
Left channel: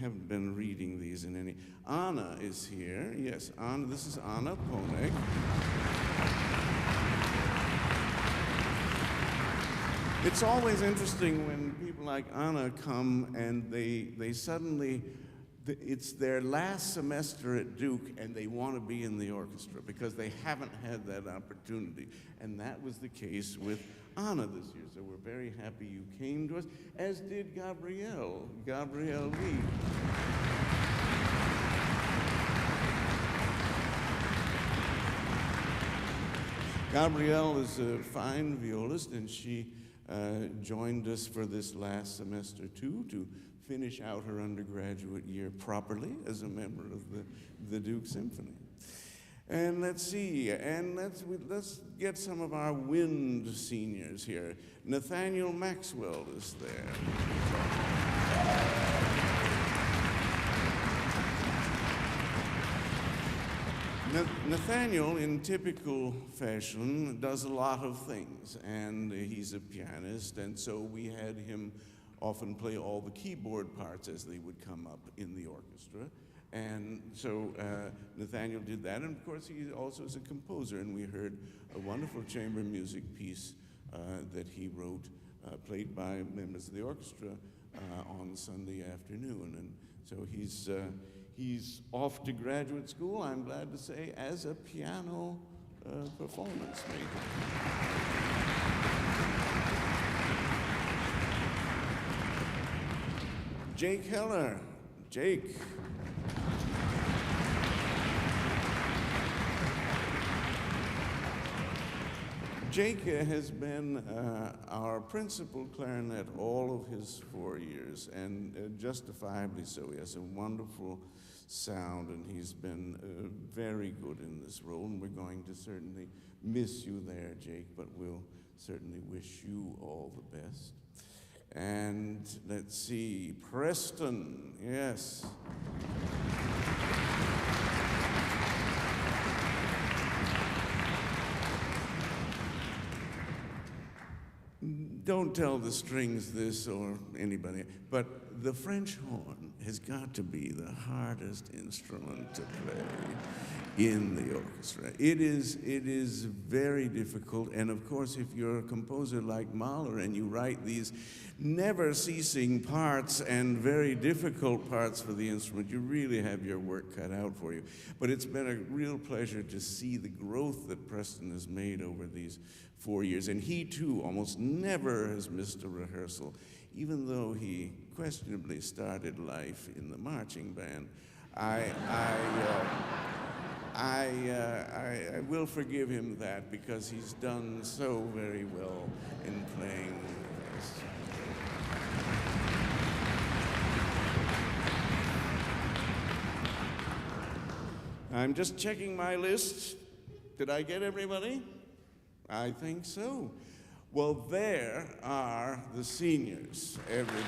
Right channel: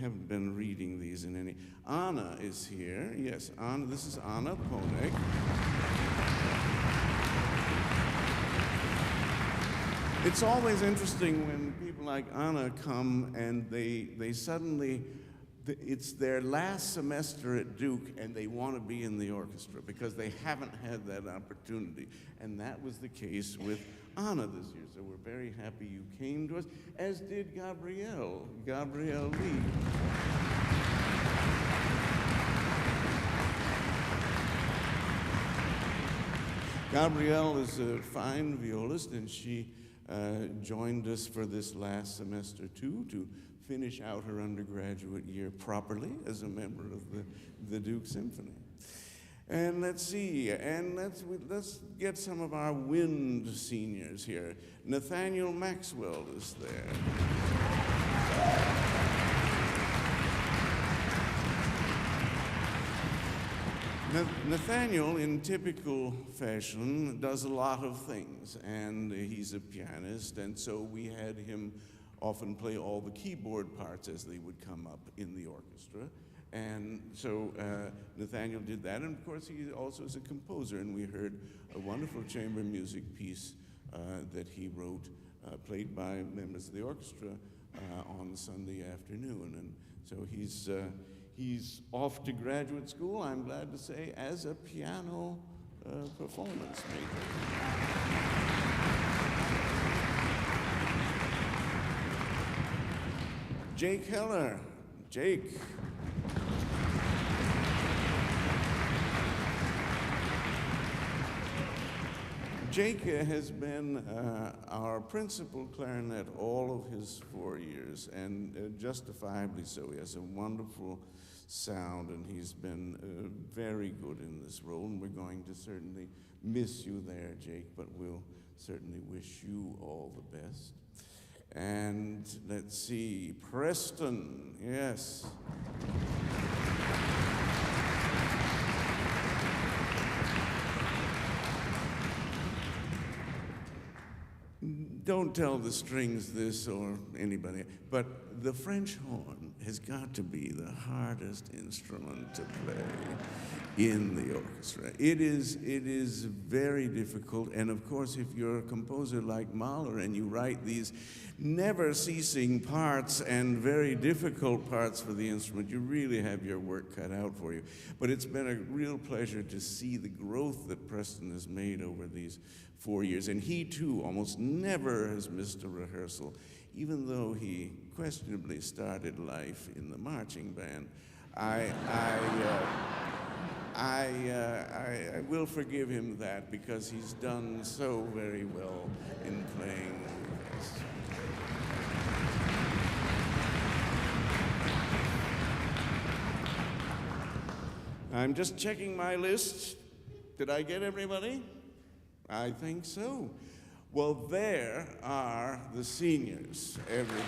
haven't been reading these in any. Anna is here. Yes, Anna. This is Anna Ponek. It's always interesting when people like Anna come and they suddenly, it's their last semester at Duke and they want to be in the orchestra because they haven't had that opportunity. And that was the case with Anna this year. So we're very happy you came to us, as did Gabrielle Lee. Gabrielle is a fine violist, and she joined us for this last semester too, to finish out her undergraduate year properly as a member of the Duke Symphony. And let's see, and let's get some of our wind seniors here. Nathaniel Maxwell is there. Nathaniel, in typical fashion, does a lot of things, and he's a pianist, and so we had him often play all the keyboard parts as they would come up in the orchestra. And so Nathaniel did that, and of course he also is a composer, and we heard a wonderful chamber music piece that he wrote, played by members of the orchestra on Sunday afternoon. And so he's off to graduate school, I'm glad to say, as a piano performance major. Jake Heller. Jake. Jake has been our principal clarinet all of his 4 years, and justifiably so. He has a wonderful sound, and he's been very good in this role, and we're going to certainly miss you there, Jake, but we'll certainly wish you all the best. And let's see, Preston, yes. Don't tell the strings this or anybody, but the French horn has got to be the hardest instrument to play in the orchestra. It is very difficult, and of course, if you're a composer like Mahler and you write these never-ceasing parts and very difficult parts for the instrument, you really have your work cut out for you. But it's been a real pleasure to see the growth that Preston has made over these 4 years, and he too almost never has missed a rehearsal, even though he questionably started life in the marching band. I will forgive him that, because he's done so very well in playing with us. I'm just checking my list. Did I get everybody? I think so. Well, there are the seniors, everybody.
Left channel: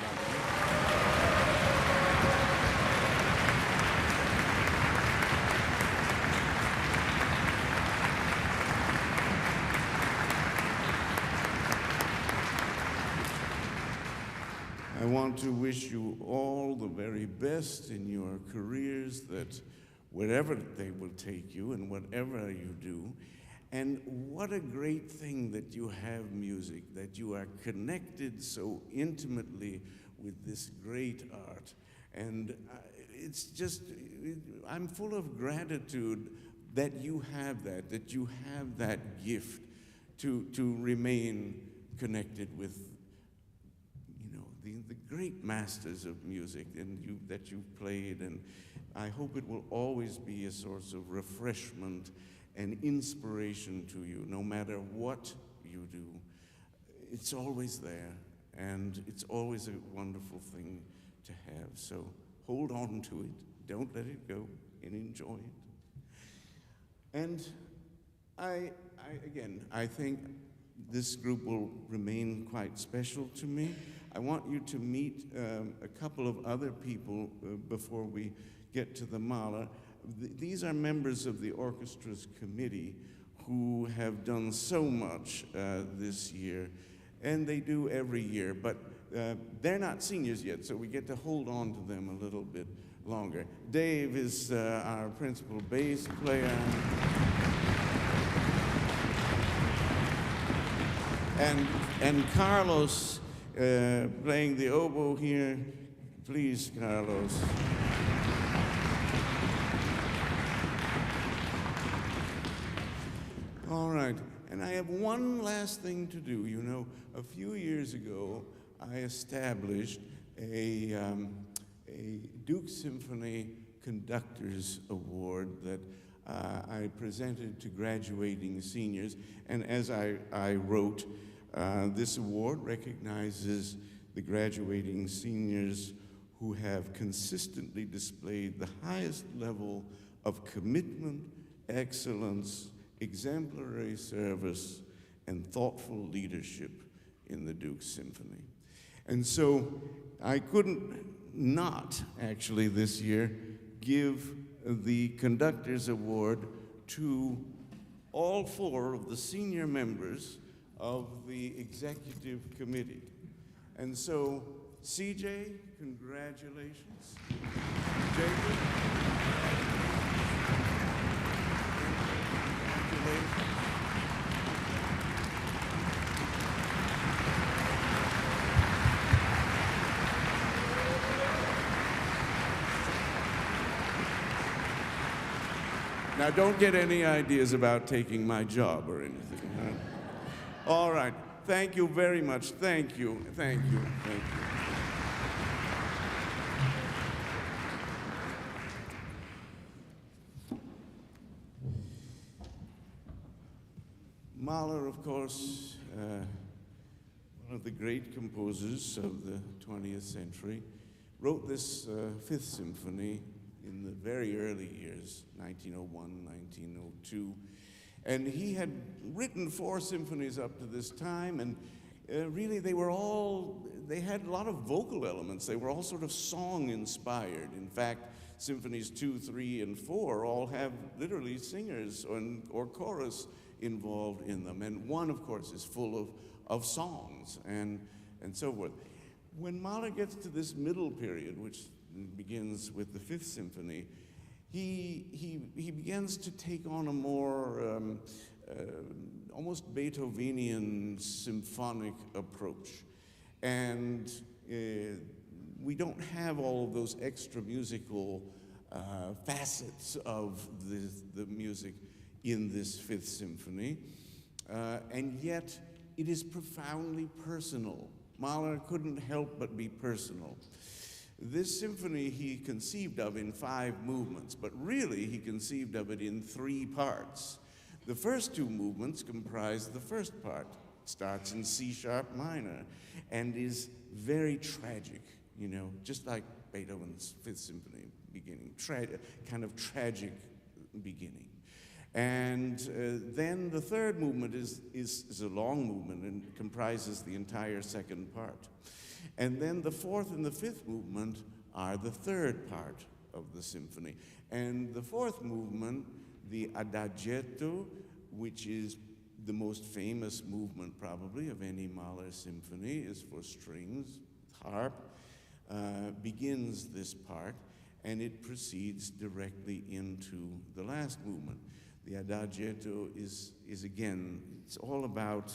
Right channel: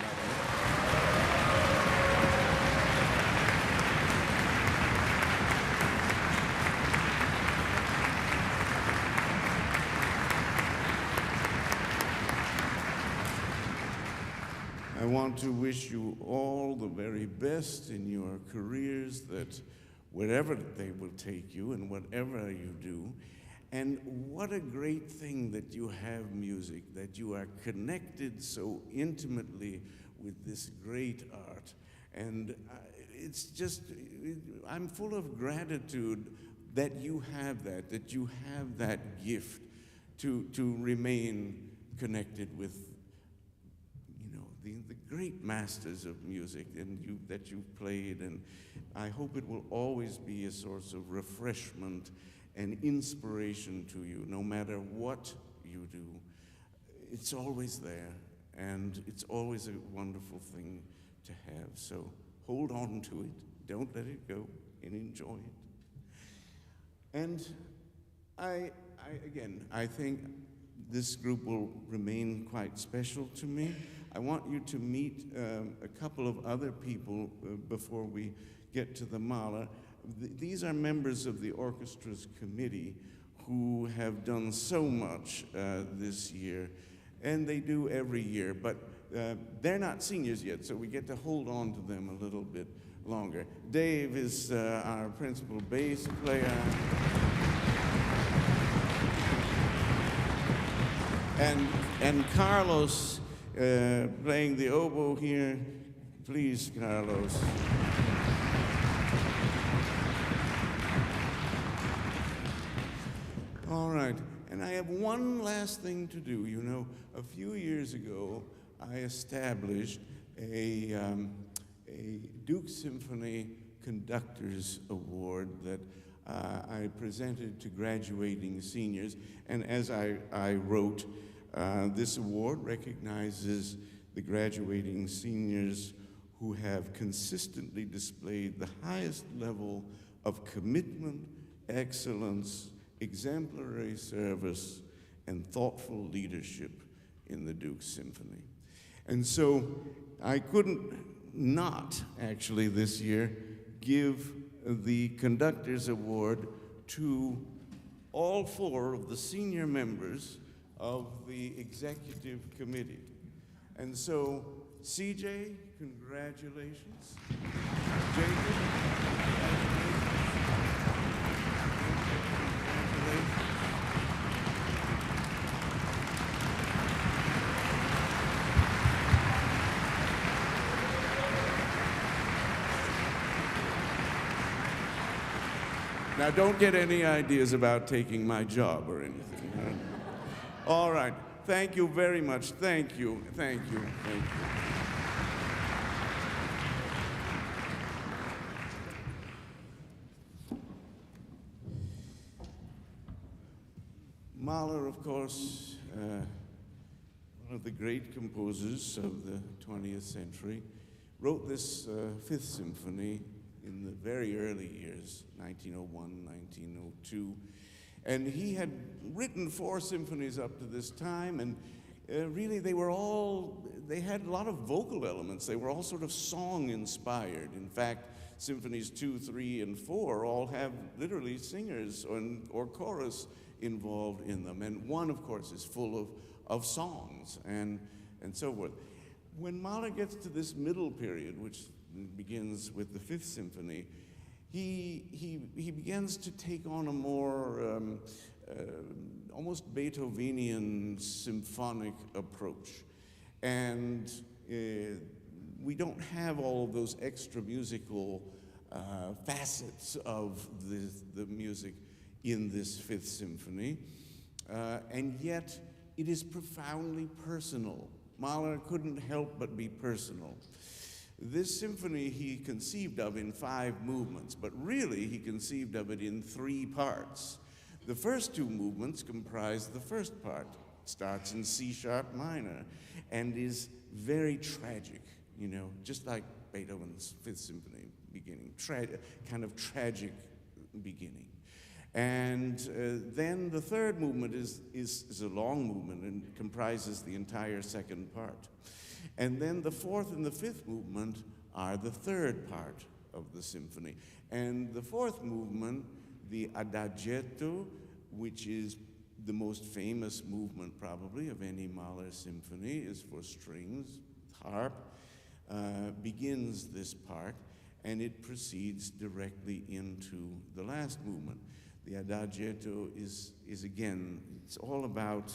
I want to wish you all the very best in your careers, that wherever they will take you and whatever you do. And what a great thing that you have music, that you are connected so intimately with this great art. And it's just, I'm full of gratitude that you have that you have that gift to remain connected with, you know, the great masters of music and that you've played. And I hope it will always be a source of refreshment and inspiration to you, no matter what you do. It's always there, and it's always a wonderful thing to have. So hold on to it, don't let it go, and enjoy it. And I think this group will remain quite special to me. I want you to meet a couple of other people before we get to the Mahler. These are members of the orchestra's committee who have done so much this year, and they do every year, but they're not seniors yet, so we get to hold on to them a little bit longer. Dave is our principal bass player. And Carlos playing the oboe here. Please, Carlos. All right, and I have one last thing to do. You know, a few years ago, I established a Duke Symphony Conductors Award that I presented to graduating seniors. And as I wrote, this award recognizes the graduating seniors who have consistently displayed the highest level of commitment, excellence, exemplary service, and thoughtful leadership in the Duke Symphony. And so I couldn't not actually this year give the Conductors Award to all 4 of the senior members of the executive committee. And so, CJ, congratulations. Jacob, congratulations. Now, don't get any ideas about taking my job or anything. Huh? All right. Thank you very much. Thank you. Thank you. Thank you. Mahler, of course, one of the great composers of the 20th century, wrote this Fifth Symphony in the very early years, 1901, 1902. And he had written 4 symphonies up to this time, and really they had a lot of vocal elements. They were all sort of song-inspired. In fact, Symphonies 2, 3, and 4 all have literally singers or chorus involved in them. And one, of course, is full of songs and so forth. When Mahler gets to this middle period, which begins with the Fifth Symphony, he begins to take on a more almost Beethovenian symphonic approach. And we don't have all of those extra musical facets of the music in this Fifth Symphony, and yet it is profoundly personal. Mahler couldn't help but be personal. This symphony he conceived of in 5 movements, but really he conceived of it in 3 parts. The first 2 movements comprise the first part. It starts in C-sharp minor and is very tragic, just like Beethoven's Fifth Symphony beginning, kind of tragic beginning. And then the third movement is a long movement and comprises the entire second part. And then the fourth and the fifth movement are the third part of the symphony. And the fourth movement, the Adagietto, which is the most famous movement probably of any Mahler symphony, is for strings, harp, begins this part, and it proceeds directly into the last movement. The Adagietto is again, it's all about,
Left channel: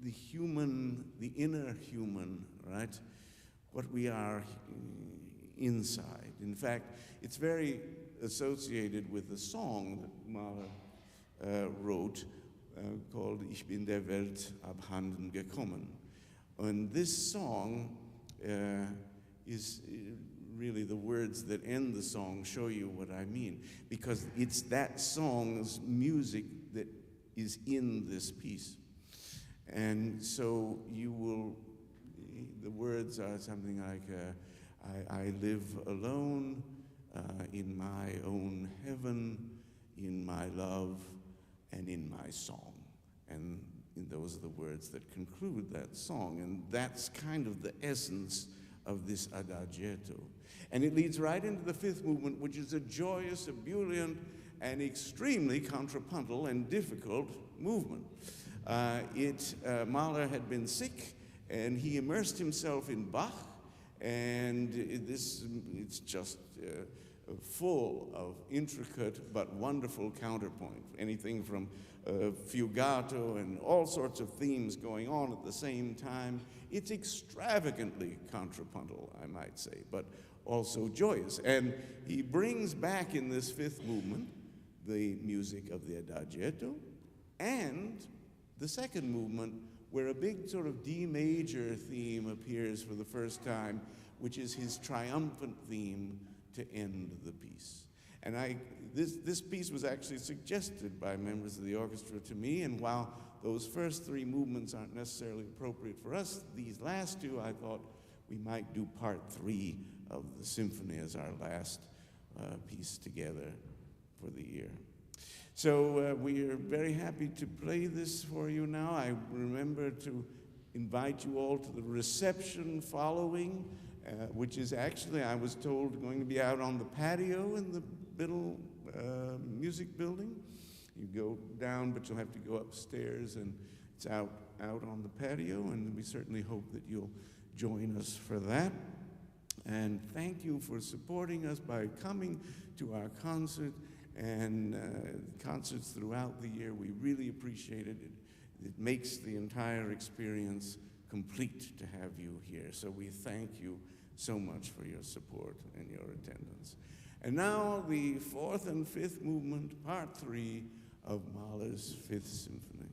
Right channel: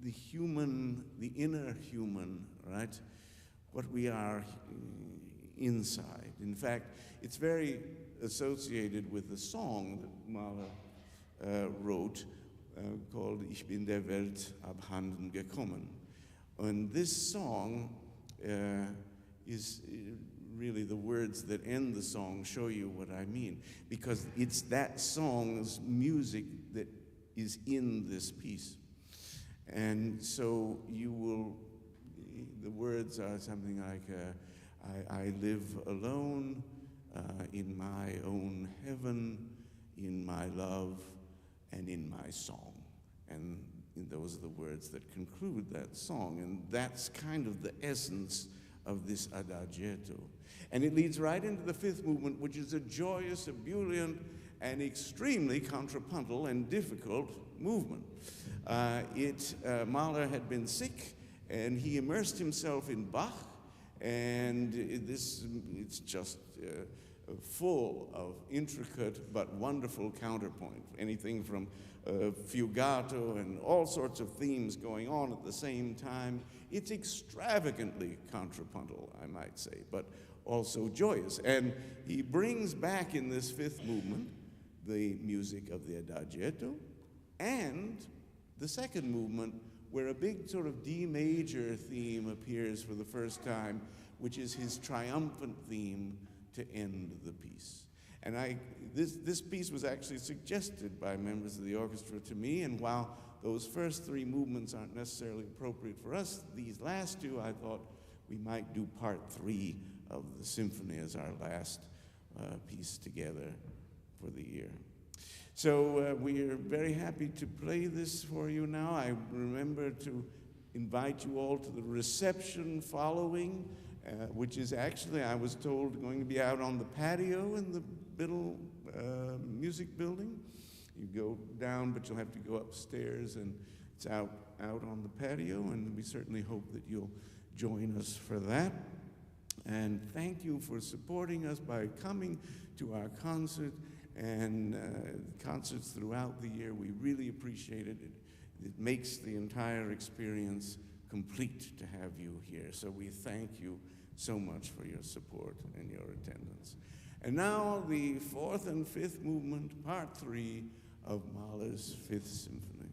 the human, the inner human, right? What we are inside. In fact, it's very associated with the song that Mahler wrote called Ich bin der Welt abhanden gekommen. And this song is really the words that end the song show you what I mean, because it's that song's music that is in this piece. And so the words are something like, I live alone in my own heaven, in my love, and in my song. And those are the words that conclude that song. And that's kind of the essence of this Adagietto. And it leads right into the fifth movement, which is a joyous, ebullient, and extremely contrapuntal and difficult movement. Mahler had been sick, and he immersed himself in Bach, and it's just full of intricate but wonderful counterpoint. Anything from fugato and all sorts of themes going on at the same time. It's extravagantly contrapuntal, I might say, but also joyous. And he brings back in this fifth movement the music of the Adagietto and the second movement, where a big sort of D major theme appears for the first time, which is his triumphant theme to end the piece. And this piece was actually suggested by members of the orchestra to me, and while those first three movements aren't necessarily appropriate for us, these last two, I thought we might do part 3 of the symphony as our last piece together for the year. So we are very happy to play this for you now. I remember to invite you all to the reception following, which is actually, I was told, going to be out on the patio in the Biddle Music Building. You go down, but you'll have to go upstairs, and it's out on the patio, and we certainly hope that you'll join us for that. And thank you for supporting us by coming to our concert and concerts throughout the year. We really appreciate it. It makes the entire experience complete to have you here. So we thank you so much for your support and your attendance. And now the fourth and fifth movement, part 3 of Mahler's Fifth Symphony.